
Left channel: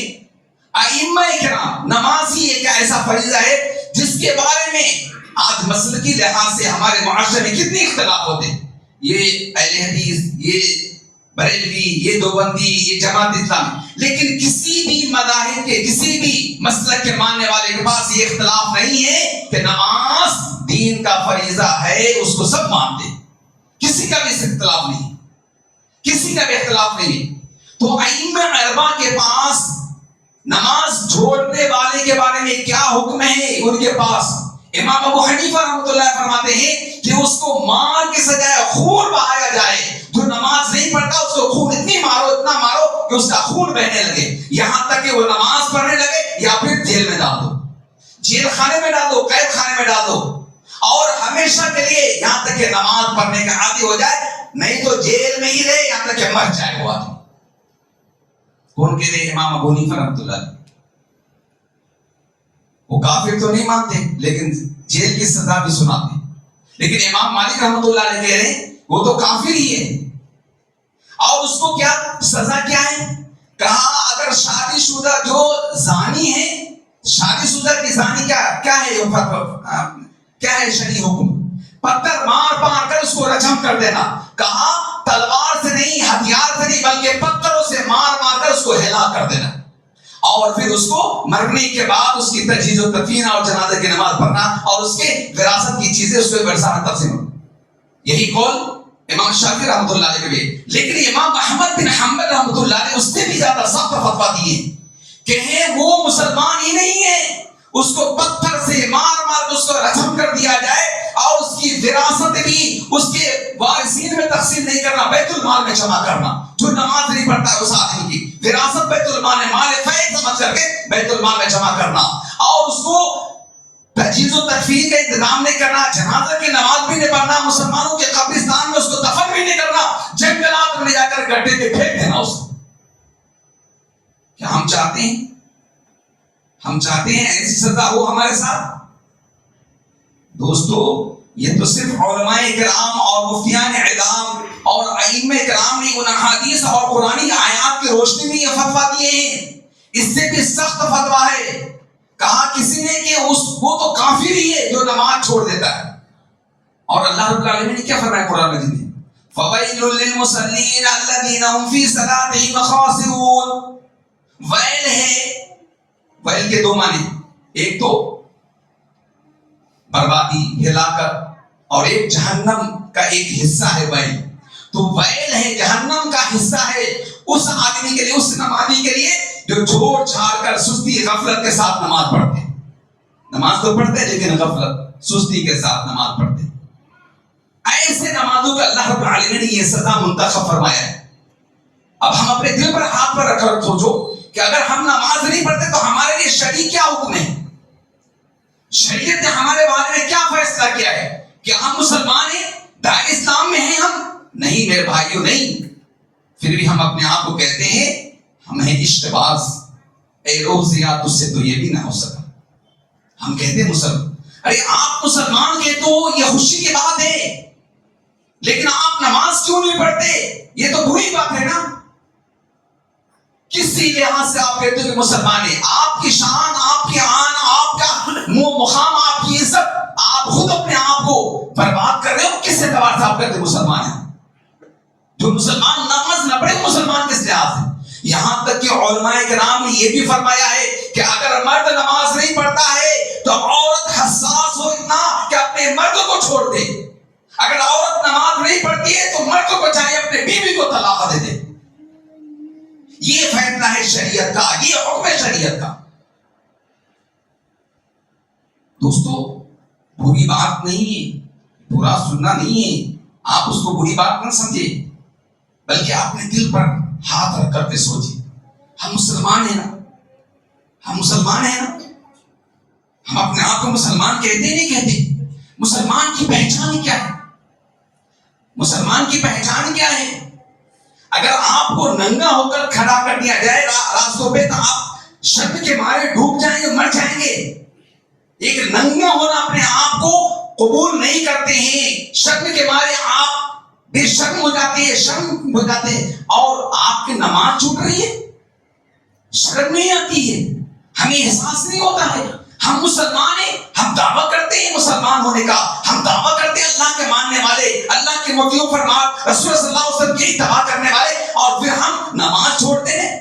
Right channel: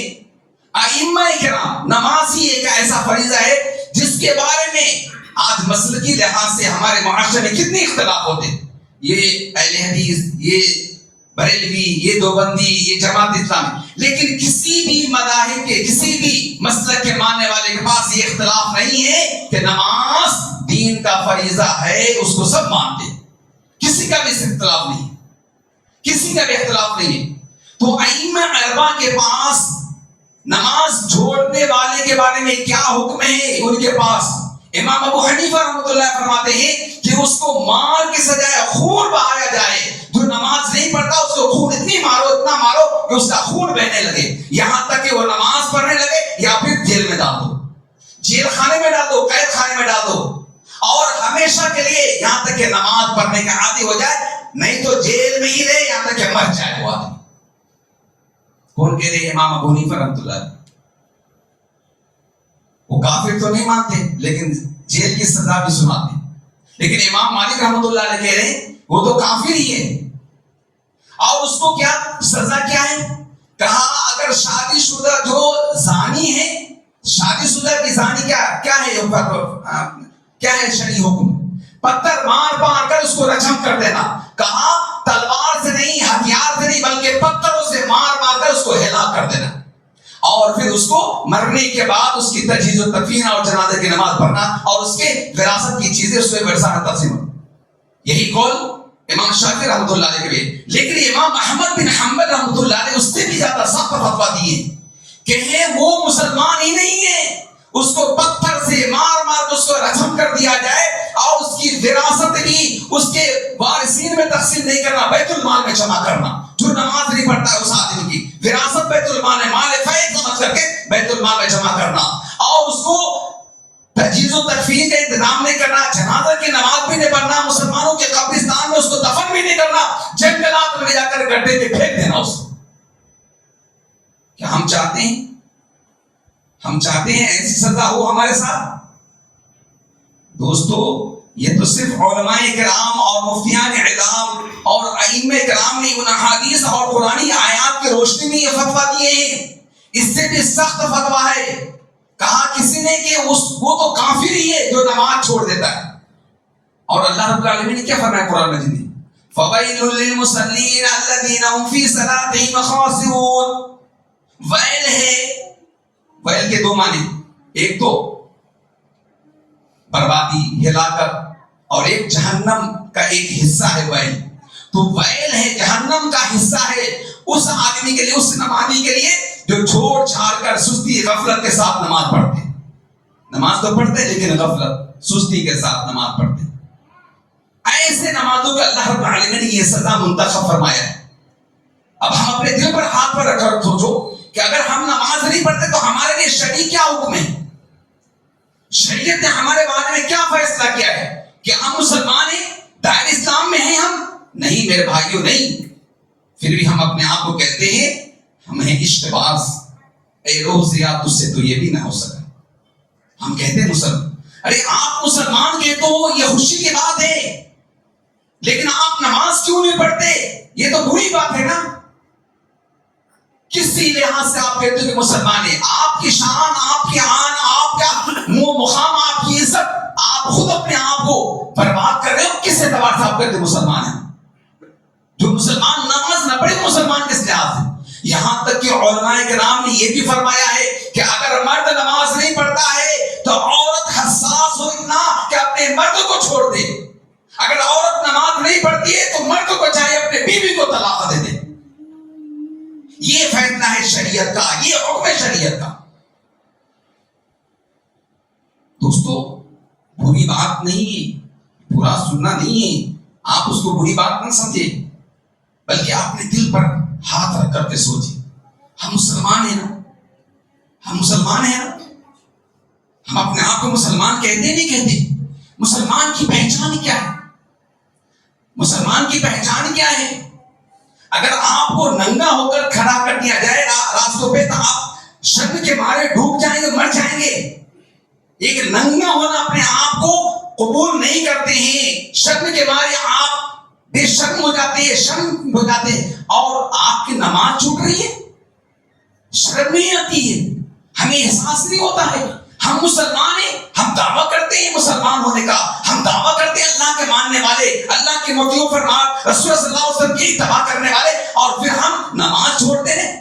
ائمہ کرام، نماز ہی ایک ایسا فریضہ ہے جس کے بارے میں آج مسلکی لحاظ سے ہمارے معاشرے میں کتنے اختلاف ہوتے ہیں۔ یہ اہل حدیث، یہ بریلوی، یہ دیوبندی، یہ جماعت اسلامی، لیکن کسی بھی مذاہب کے، کسی بھی مسلک کے ماننے والے کے پاس یہ اختلاف نہیں ہے کہ نماز دین کا فریضہ ہے، اس کو سب مانتے ہیں، کسی کا بھی اختلاف نہیں، کسی کا بھی اختلاف نہیں ہے۔ تو ائمہ اربعہ کے پاس نماز چھوڑنے والے کے بارے میں کیا حکم ہے؟ ان کے پاس امام ابو حنیفہ رحمۃ اللہ فرماتے ہیں کہ اس کو مار کے سجائے خون بہایا جائے۔ جو نماز نہیں پڑھتا اس کو خون اتنا مارو کہ اس کا خون بہنے لگے، یہاں تک کہ وہ نماز پڑھنے لگے، یا پھر جیل میں ڈال دو، جیل خانے میں ڈال دو، قید خانے میں ڈال دو، اور ہمیشہ کے لیے یہاں تک کہ نماز پڑھنے کا عادی ہو جائے، نہیں تو جیل میں ہی رہے یہاں تک کہ مر جائے وہ آدمی۔ کون کہہ رہے؟ امام ابو حنیفہ رحمۃ اللہ علیہ۔ وہ کافر تو نہیں مانتے لیکن جیل کی سزا بھی سناتے، لیکن امام مالک رحمۃ اللہ علیہ کہہ رہے ہیں وہ تو کافر ہی ہے، اور اس کو کیا سزا کیا ہے؟ کہا اگر شادی شدہ جو زانی ہے، شادی شدہ کی زانی کیا ہے شرعی حکم؟ پتھر مار کر اس کو رجم کر دینا۔ کہا تلوار سے نہیں، ہتھیار سے نہیں، بلکہ پتھروں سے مار کر اس کو ہلاک کر دینا، اور پھر اس کو مرنے کے بعد اس کی تجہیز و تدفین اور جنازے کی نماز پڑھنا، اور اس کے وراثت کی چیزیں اس کو ورثہ تقسیم ہونا۔ یہی قول امام شافعی رحمۃ اللہ علیہ کے، لیکن امام احمد بن حنبل رحمۃ اللہ علیہ اس سے بھی زیادہ سخت فتویٰ دیے کہ وہ مسلمان ہی نہیں ہے، اس کو پتھر سے مار کر اس کو رجم کر دیا جائے، اور اس کی وراثت بھی اس کے وارثین میں تقسیم نہیں کرنا، بیت المال میں جمع کرنا۔ جو نماز نہیں پڑھتا ہے اس آدمی کی وراثت بیت المال میں مال فیض سمجھ کر کے بیت المال میں جمع کرنا، اور اس کو تجہیز و تدفین کا انتظام نہیں کرنا، جنازہ کی نماز بھی نہیں پڑھنا، مسلمانوں کے قبرستان میں اس کو دفن بھی نہیں کرنا، جنگلات میں لے جا کر گڈھے میں پھینک دینا اس کو۔ کیا ہم چاہتے ہیں ایسی سزا ہو ہمارے ساتھ؟ دوستو، یہ تو صرف علماء کرام اور مفتیان اعلام اور ائمہ کرام نے ان احادیث اور قرآنی آیات کی روشنی میں یہ فتویٰ دیے ہیں۔ اس سے بھی سخت فتویٰ ہے، کہا کسی نے کہ وہ تو کافر ہی ہے جو نماز چھوڑ دیتا ہے۔ اور اللہ رب العالمین نے کیا فرمایا قرآن مجید میں؟ فَوَيْلٌ لِّلْمُصَلِّينَ الَّذِينَ هُمْ فِي صَلَاتِهِمْ خَاشِعُونَ۔ ویل ہے، ویل کے دو معنی، ایک تو بربادی، ہلاکت، اور ایک جہنم کا ایک حصہ ہے ویل۔ تو ویل ہے، جہنم کا حصہ ہے اس آدمی کے لیے, اس نمازی کے لیے جو چھوڑ چھاڑ کر سستی غفلت کے ساتھ نماز پڑھتے. نماز تو پڑھتے لیکن غفلت سستی کے ساتھ نماز پڑھتے. ایسے نمازوں کا اللہ رب العالمین نے یہ سزا منتخب فرمایا ہے. اب ہم اپنے دل پر ہاتھ پر رکھ کر سوچو کہ اگر ہم نماز نہیں پڑھتے تو ہمارے لیے شرعی کیا حکم ہے؟ شریعت نے ہمارے بارے میں کیا فیصلہ کیا ہے؟ کہ ہم مسلمان ہیں, دائرہ اسلام میں ہیں ہم؟ نہیں میرے بھائیوں, نہیں. پھر بھی ہم اپنے آپ کو کہتے ہیں ہم ہیں اشتباز. اے روزیا تجھ سے تو یہ بھی نہ ہو سکا. ہم کہتے ہیں مسلمان. ارے آپ مسلمان کہتے ہو یہ خوشی کی بات ہے, لیکن آپ نماز کیوں نہیں پڑھتے؟ یہ تو بری بات ہے نا. کسی لحاظ سے آپ کہتے ہو کہ مسلمان ہیں. آپ کی شان, آپ کی آن, آپ کا مقام, آپ کی عزت, آپ خود اپنے آپ کو برباد کر رہے ہو. کس اعتبار سے آپ کہتے ہو مسلمان ہیں؟ جو مسلمان نماز نہ پڑھے مسلمان کس لحاظ سے؟ یہاں تک کہ علماء کرام نے یہ بھی فرمایا ہے کہ اگر مرد نماز نہیں پڑھتا ہے تو عورت حساس ہو اتنا کہ اپنے مرد کو چھوڑ دے. اگر عورت نماز نہیں پڑھتی ہے تو مرد کو چاہے اپنے بیوی کو طلاق دے دے. یہ فیصلہ ہے شریعت کا, یہ حکم ہے شریعت کا. دوستو بری بات نہیں ہے, برا سننا نہیں ہے, آپ اس کو بری بات نہ سمجھے, بلکہ اپنے دل پر ہاتھ رکھ کر کے سوچیں ہم مسلمان ہیں نا, ہم مسلمان ہیں نا. ہم اپنے آپ کو مسلمان کہتے نہیں کہتے؟ مسلمان کی پہچان کیا ہے؟ مسلمان کی پہچان کیا ہے؟ اگر آپ کو ننگا ہو کر کھڑا کر دیا جائے راستوں پہ تو آپ شرم کے مارے ڈوب جائیں گے, مر جائیں گے. ایک ننگا ہونا اپنے آپ کو قبول نہیں کرتے ہیں, شرم کے مارے آپ بے شرم ہو جاتے ہیں, شرم ہو جاتے ہیں, اور آپ کی نماز چھوٹ رہی ہے, شرم نہیں آتی ہے, ہمیں احساس نہیں ہوتا ہے. ہم مسلمان ہیں, ہم دعویٰ کرتے ہیں مسلمان ہونے کا, ہم دعویٰ کرتے ہیں اللہ کے ماننے والے, اللہ کے مطیع فرمان رسول صلی اللہ علیہ وسلم کی اتباع کرنے والے, اور پھر ہم نماز چھوڑتے ہیں.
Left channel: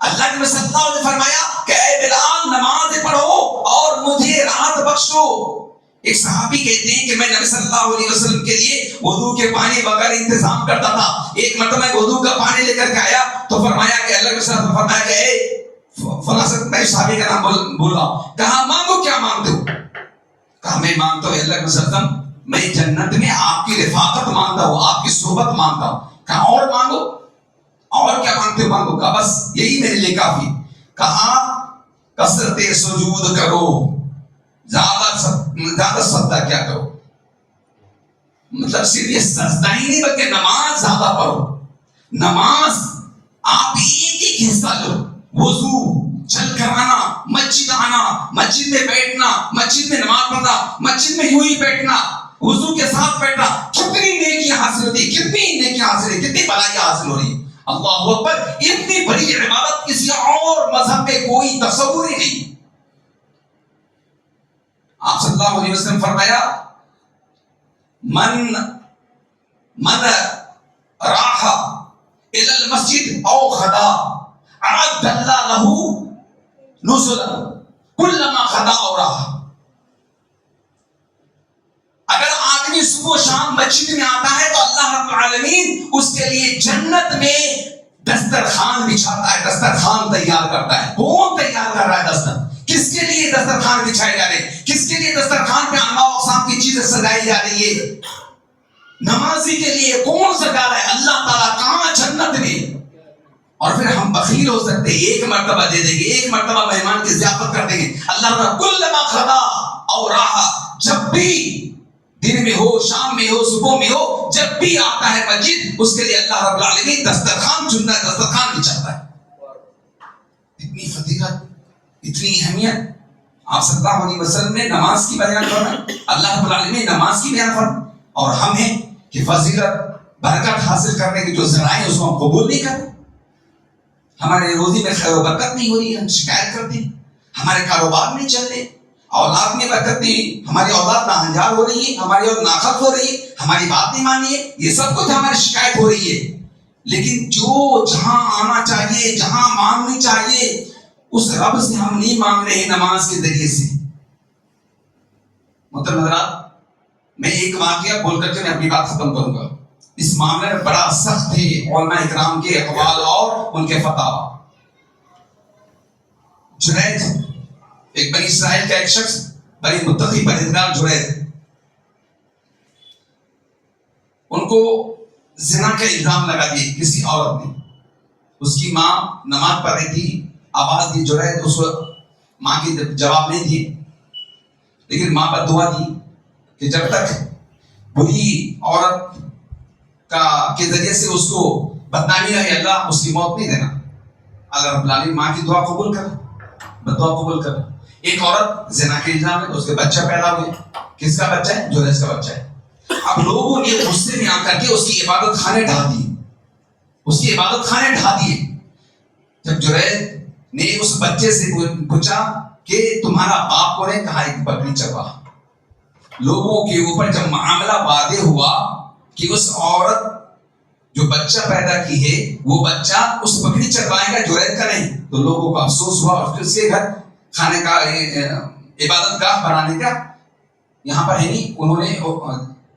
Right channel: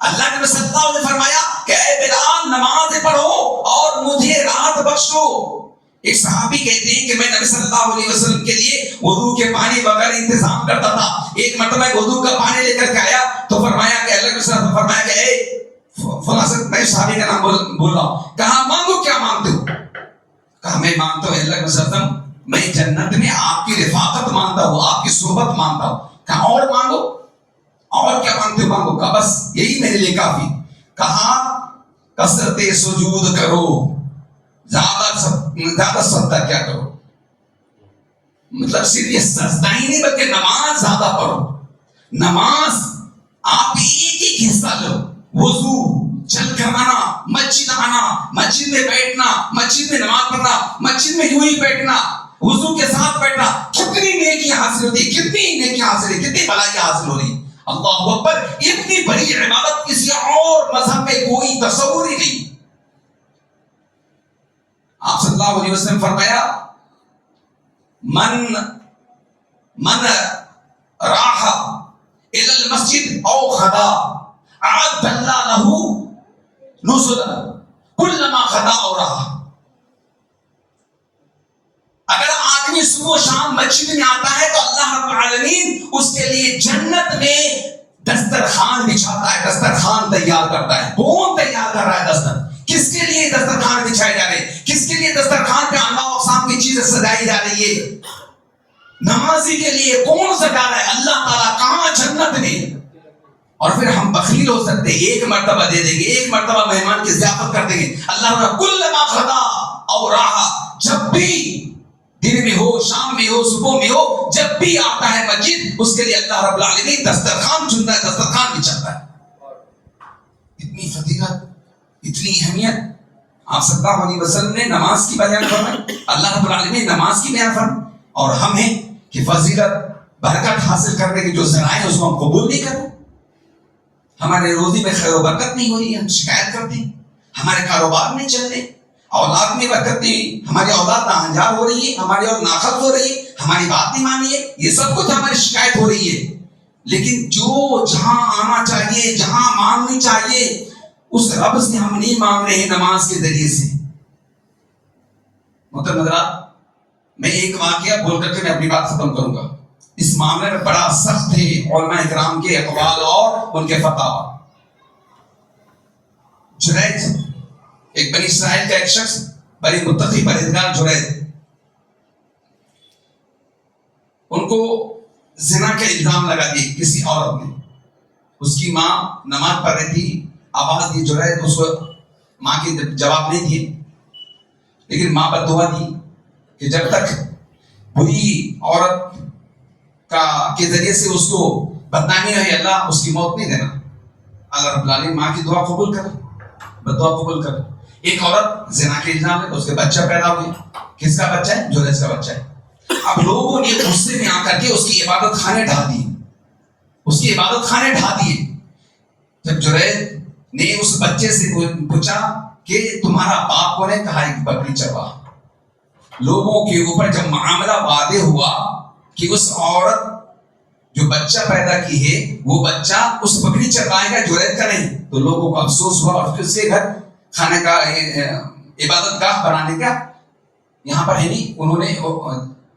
اللہ کے نبی صلی اللہ علیہ وسلم نے فرمایا کہ اے بلال نماز پڑھو اور مجھے راحت بخشو. ایک صحابی کہتے ہیں کہ میں نبی صلی اللہ علیہ وسلم کے لیے وضو کے پانی وغیرہ انتظام کرتا تھا. ایک مرتبہ وضو کا پانی لے کر کے آیا تو فرمایا کہ اللہ کے رسول نے فرمایا کہ اے فلاں میں صحابی کا نام بول رہا ہوں, کہا مانگو کیا مانگتے ہو؟ کہا میں مانگتا ہوں اللہ کے رسول میں جنت میں آپ کی رفاقت مانگتا ہوں, آپ کی صحبت مانگتا ہوں. کہا اور مانگو, اور کیا مانگتے ہو؟ مانگو. کہا بس یہی میرے لیے کافی. کہا کثرت سجود کرو, زیادہ سجدہ کیا کرو, مطلب صرف یہ سجدہ ہی نہیں بلکہ نماز زیادہ پڑھو. نماز آپ ایک ایک حصہ لو, وضو, چل کر آنا, مسجد آنا, مسجد میں بیٹھنا, مسجد میں نماز پڑھنا, مسجد میں یوں ہی بیٹھنا, وضو کے ساتھ بیٹھنا, کتنی نیکیاں حاصل ہوتی, کتنی نیکیاں حاصل ہوئی, کتنی بھلائیاں حاصل ہو رہی. اللہ اکبر, اتنی بڑی عبادت کسی اور مذہب میں کوئی تصور ہی نہیں. آپ صلی اللہ علیہ وسلم فرمایا من راح الى المسجد او خدا اعد اللہ له نزلا كلما خدا او راح. اگر آدمی صبح و شام مسجد میں آتا ہے تو اللہ رب العالمین اس کے لیے جنت میں دسترخوان بچھاتا ہے, دسترخوان تیار کرتا ہے. کون تیار کر رہا ہے دستر؟ کس کے لیے دسترخوان بچھائے جا رہے ہیں؟ کس کے لیے دسترخوان پہ انواع و اقسام کی چیزیں سجائی جا رہی ہے؟ نمازی کے لیے. کون سجا رہا ہے؟ اللہ تعالیٰ. کہاں؟ جنت میں. اور پھر ہم بخیل ہو سکتے ہیں, ایک مرتبہ دے دیں گے, ایک مرتبہ مہمان کی ضیافت کر دیں گے. اللہ تعالیٰ کلما خدا اور راحا, جب بھی دن میں ہو, شام میں ہو, صبح میں ہو, جب بھی آتا ہے مسجد, اس کے لیے اللہ رب العالمین دسترخوان چنتا ہے, دسترخوان بچھاتا ہے. اتنی فضیلت, اتنی اہمیت. آپ صلی اللہ علیہ وسلم نے نماز کی بیان فرمائی, اللہ رب العالمین نماز کی بیان فرمائی, اور ہم ہیں کہ فضیلت برکت حاصل کرنے کی جو ذرائع ہیں اس کو ہم قبول نہیں کرتے. ہمارے روزی میں خیر و برکت نہیں ہو رہی ہے, ہم شکایت کرتے ہیں. ہمارے کاروبار نہیں چل رہے, اولاد میں برکت نہیں, ہماری اولاد ناہنجار ہو رہی ہے, ہماری اور ناخت ہو رہی ہے, ہماری بات نہیں مانی ہے, یہ سب کچھ ہماری شکایت ہو رہی ہے. لیکن جو جہاں آنا چاہیے, جہاں مانگنی چاہیے, اس رب سے ہم نہیں مانگ رہے ہیں نماز کے ذریعے سے. محترم حضرات, میں ایک واقعہ بول کر کے میں اپنی بات ختم کروں گا. اس معاملے میں بڑا سخت تھے علماء اکرام کے اقوال اور ان کے فتاوی. جریج ایک بنی اسرائیل کا ایک شخص، بڑی متقی پرہیزگار جریج، ان کو زنا کا الزام لگا دیا کسی عورت نے. اس کی ماں نماز پڑھ رہی تھی، آواز دی جریج، اس کو ماں کی جواب نہیں دیے، لیکن ماں بد دعا دی کہ جب تک بری عورت کے ذریعے سے اس کو بدنامی ہے اللہ اس کی موت نہیں دینا. اللہ رب العالمین ماں کی دعا قبول کر، بد دعا قبول کر. ایک عورت زنا کے الزام ہے، اس کے بچہ پیدا ہوئے. کس کا بچہ ہے؟ جریج کا بچہ ہے. اب لوگوں نے غصے میں آ کر کے اس کی عبادت خانے ڈھا دیے، اس کی عبادت خانے ڈھا دیے. جب جریج نے اس بچے سے پوچھا کہ تمہارا باپ کون ہے؟ کہا ایک بکری چرواہ. لوگوں کے اوپر جب معاملہ واضح ہوا کہ اس عورت جو بچہ پیدا کی ہے وہ بچہ اس بکری چرواہے کا جریج کا نہیں، تو لوگوں کو افسوس ہوا اور اس کے گھر کھانے کا عبادت گاہ بنانے کا یہاں پر ہے نہیں. انہوں نے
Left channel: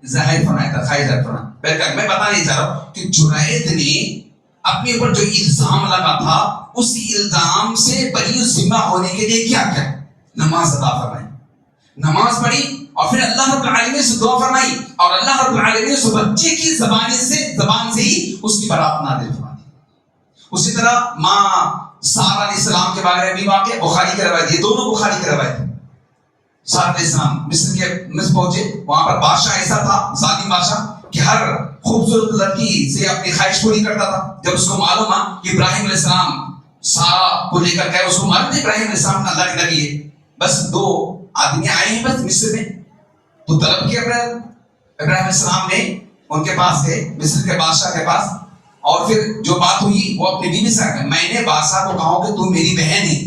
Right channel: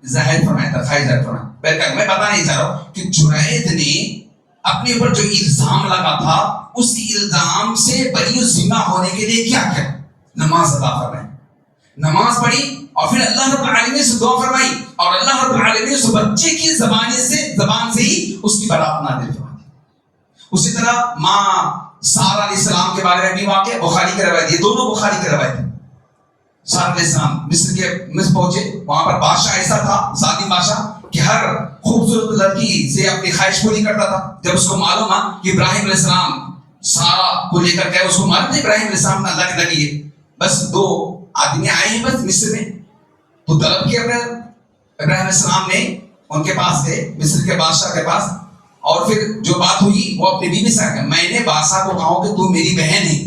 ظاہر فرمایا تھا، خواہش ظاہر فرمایا. پہلے میں بتا نہیں چاہ رہا ہوں کہ جریج نے اپنے اوپر جو الزام لگا تھا اس الزام سے بری ذمہ ہونے کے لیے کیا کیا؟ نماز ادا فرمائی، نماز پڑھی اور پھر اللہ رب العالمین سے دعا فرمائی اور اللہ رب العالمین اس بچے کی زبان سے ہی اس کی برات نازل فرمائی. اسی طرح ماں سارہ علیہ السلام کے بارے میں بھی واقع بخاری کی روایت ہے، دونوں بخاری کی روایت ہے. سارہ علیہ السلام مصر پہنچے، وہاں پر بادشاہ ایسا تھا، ظالم بادشاہ، کہ ہر خوبصورت لڑکی سے اپنی خواہش پوری کرتا تھا. جب اس کو معلوم ہے کہ ابراہیم علیہ السلام سارہ کو لے کر گئے، اس کو معلوم ہے ابراہیم علیہ السلام اللہ کے نبی ہے، بس 2 آدمی آئے ہیں بس مصر میں، تو طلب کیا ابراہیم علیہ السلام نے ان کے پاس گئے، مصر کے بادشاہ کے پاس، اور پھر جو بات ہوئی وہ اپنی بیوی سے کہا میں نے بادشاہ کو کہا کہ تو میری بہن ہے،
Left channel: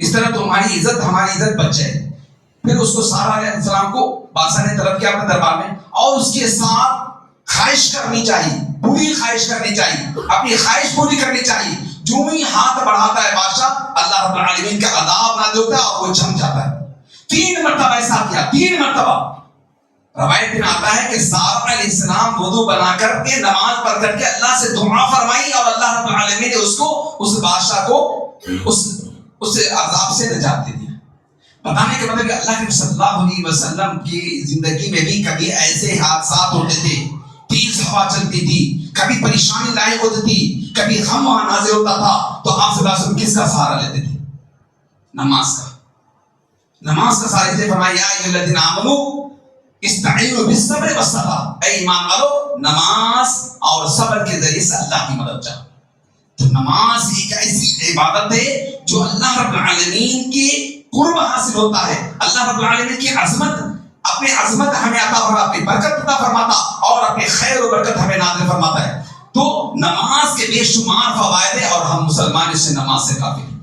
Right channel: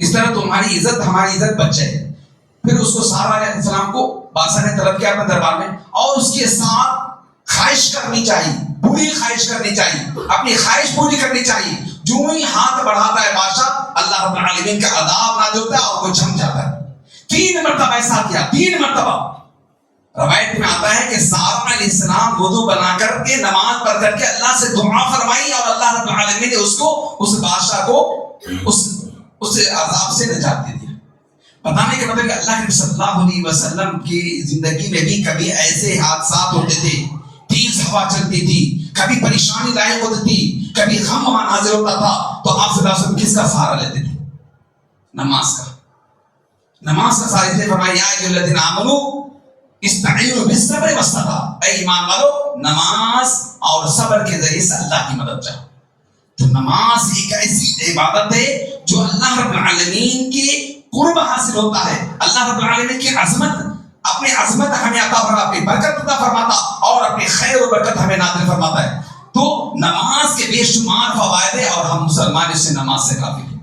اس طرح تمہاری عزت ہماری عزت بچ جائے. پھر اس کو سارہ علیہ السلام کو بادشاہ نے طلب کیا اپنے دربار میں، اور اس کے ساتھ خواہش کرنی چاہیے، پوری خواہش کرنی چاہیے، اپنی خواہش پوری کرنی چاہیے. جو ہی ہاتھ بڑھاتا ہے بادشاہ، اللہ رب العالمین کا عذاب نازل ہوتا ہے اور وہ جھم جاتا ہے. 3 مرتبہ ایسا کیا، 3 مرتبہ. روایت میں آتا ہے کہ سارہ علیہ السلام وضو بنا کر کے نماز پڑھ کر کے اللہ سے دعا فرمائی اور اللہ رب العالمین نے اس کو، اس بادشاہ کو اس عذاب سے نجات دے دیا. بتانے کے مطلب کہ اللہ کے صلی اللہ علیہ وسلم کی زندگی میں بھی کبھی ایسے حادثات ہوتے تھے، تیز ہوا چلتی تھی، کبھی پریشانی لاحق ہوتی تھی، کبھی غم نازل ہوتا تھا، تو آپ صلی اللہ علیہ وسلم کس کا سہارا لیتے تھے؟ نماز کا. نماز کا سہارا لیتے. فرمایا یا ایھا الذین آمنوا استعینوا بالصبر والصلاۃ، اے ایمان والو نماز اور صبر کے ذریعے سے اللہ کی مدد چاہو. تو نماز ایک ایسی عبادت ہے جو اللہ رب العالمین کے قرب حاصل ہوتا ہے. اللہ رب العالمین کی عظمت، اپنی عظمت ہمیں عطا فرماتا، اپنی برکت عطا فرماتا اور اپنی خیر و برکت ہمیں نازل فرماتا ہے. تو نماز کے بے شمار فوائد ہیں اور ہم مسلمان اس سے نماز سے غافل ہیں.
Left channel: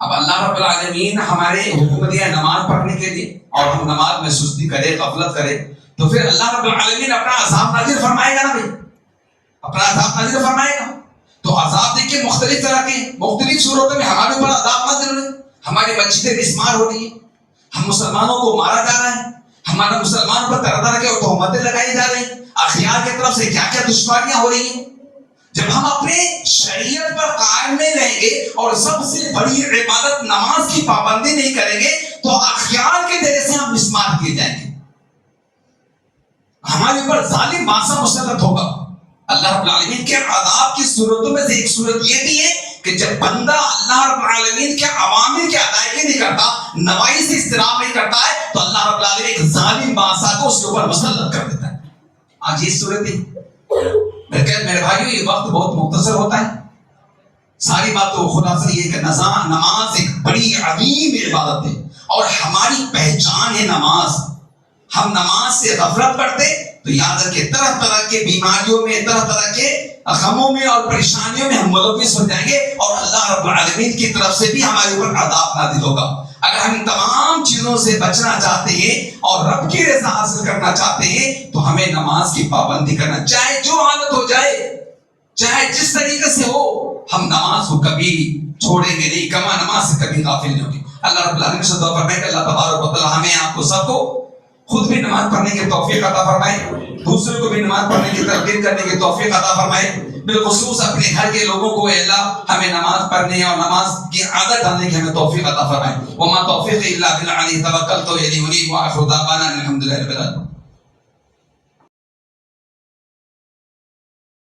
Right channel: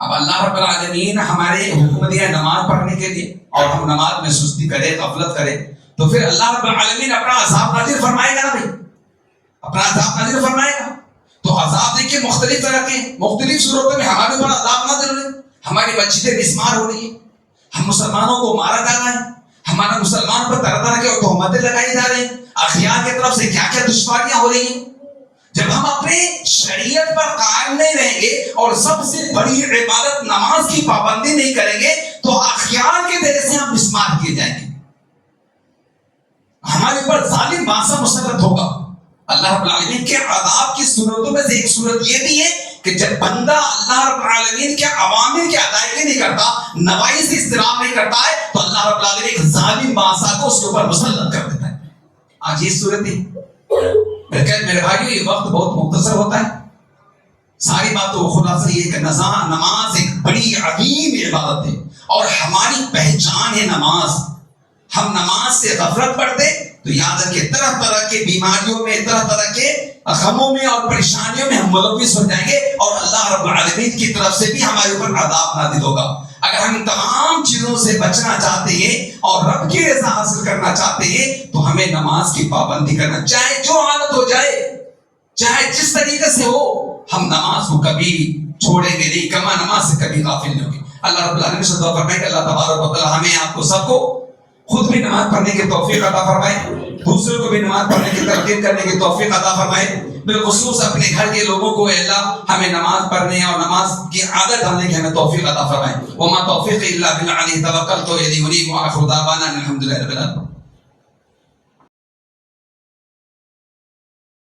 اب اللہ رب العالمین ہمارے حکم دیا نماز پڑھنے کے لیے اور ہم نماز میں سستی کرے، غفلت کرے، تو پھر اللہ رب العالمین اپنا عذاب نازل فرمائے گا نا بھائی، اپنا عذاب نازل فرمائے گا. تو عذاب دیکھیں مختلف طرح کے، مختلف صورتوں میں ہمارے اوپر عذاب نازل ہوئے. ہماری مسجدیں مسمار ہو رہی ہے، ہم مسلمانوں کو مارا جا رہا ہے، ہمارے مسلمانوں پر طرح طرح کے تہمتیں لگائی جا رہی ہیں، اخیار کی طرف سے کیا کیا دشواریاں ہو رہی ہیں. جب ہم اپنے شریعت پر قائم نہیں رہیں گے اور سب سے بڑی عبادت نماز کی پابندی نہیں کریں گے تو اخیار کے ذریعے سے ہم مسمار کیے جائیں گے، ہمارے اوپر ظالم بادشاہ مسلط ہوگا. اللہ رب العالمین کے عذاب کی صورتوں میں سے ایک صورت یہ بھی ہے کہ جب بندہ اللہ رب العالمین کے اوامر کی ادائیگی نہیں کرتا، نواہی سے اجتناب نہیں کرتا ہے، تو اللہ رب العالمین ایک ظالم بادشاہ کو اس کے اوپر مسلط کر دیتا ہے. آج یہ صورت ہے. میرے بھائیو یہ وقت بہت مختصر ہوتا ہے، ساری بات تو خلاصہ یہ کہ نماز ایک بڑی عظیم عبادت ہے اور ہماری پہچان ہے نماز. ہم نماز سے غفلت پڑھتے تو یاد رکھیں طرح طرح کے بیماریوں میں، طرح طرح کے غموں میں اور پریشانیوں میں ہم ملوث ہو جائیں گے اور اللہ رب العالمین کی طرف سے بھی ہمارے اوپر عذاب نازل ہوگا. اگر ہم تمام چیزوں سے بچنا چاہتے ہیں اور رب کی رضا حاصل کرنا چاہتے ہیں تو ہمیں نماز کی پابندی کرنا، چاہے جو حالت ہو جائے، چاہے جس طریقے سے ہو، ہم نماز کو کبھی چھوڑیں گے نہیں، کما نماز سے کبھی غافل نہیں ہوگی. اللہ رب العالمین سے دعا فرمائے کہ اللہ تبارک و تعالی ہمیں آپ کو سب کو خود بھی نماز پڑھنے کی توفیق عطا فرمائے دوسروں کو بھی نماز پڑھنے کی تلقین کرنے کی توفیق عطا فرمائے. بالخصوص اپنے گھر کے لوگوں کو اے اللہ ہمیں نماز پڑھنے اور نماز کی عادت ڈالنے کی ہمیں توفیق عطا فرمائے. وما توفیق الا باللہ علیہ توکلت و الیہ انیب. وآخر دعوانا الحمد للہ رب العالمین.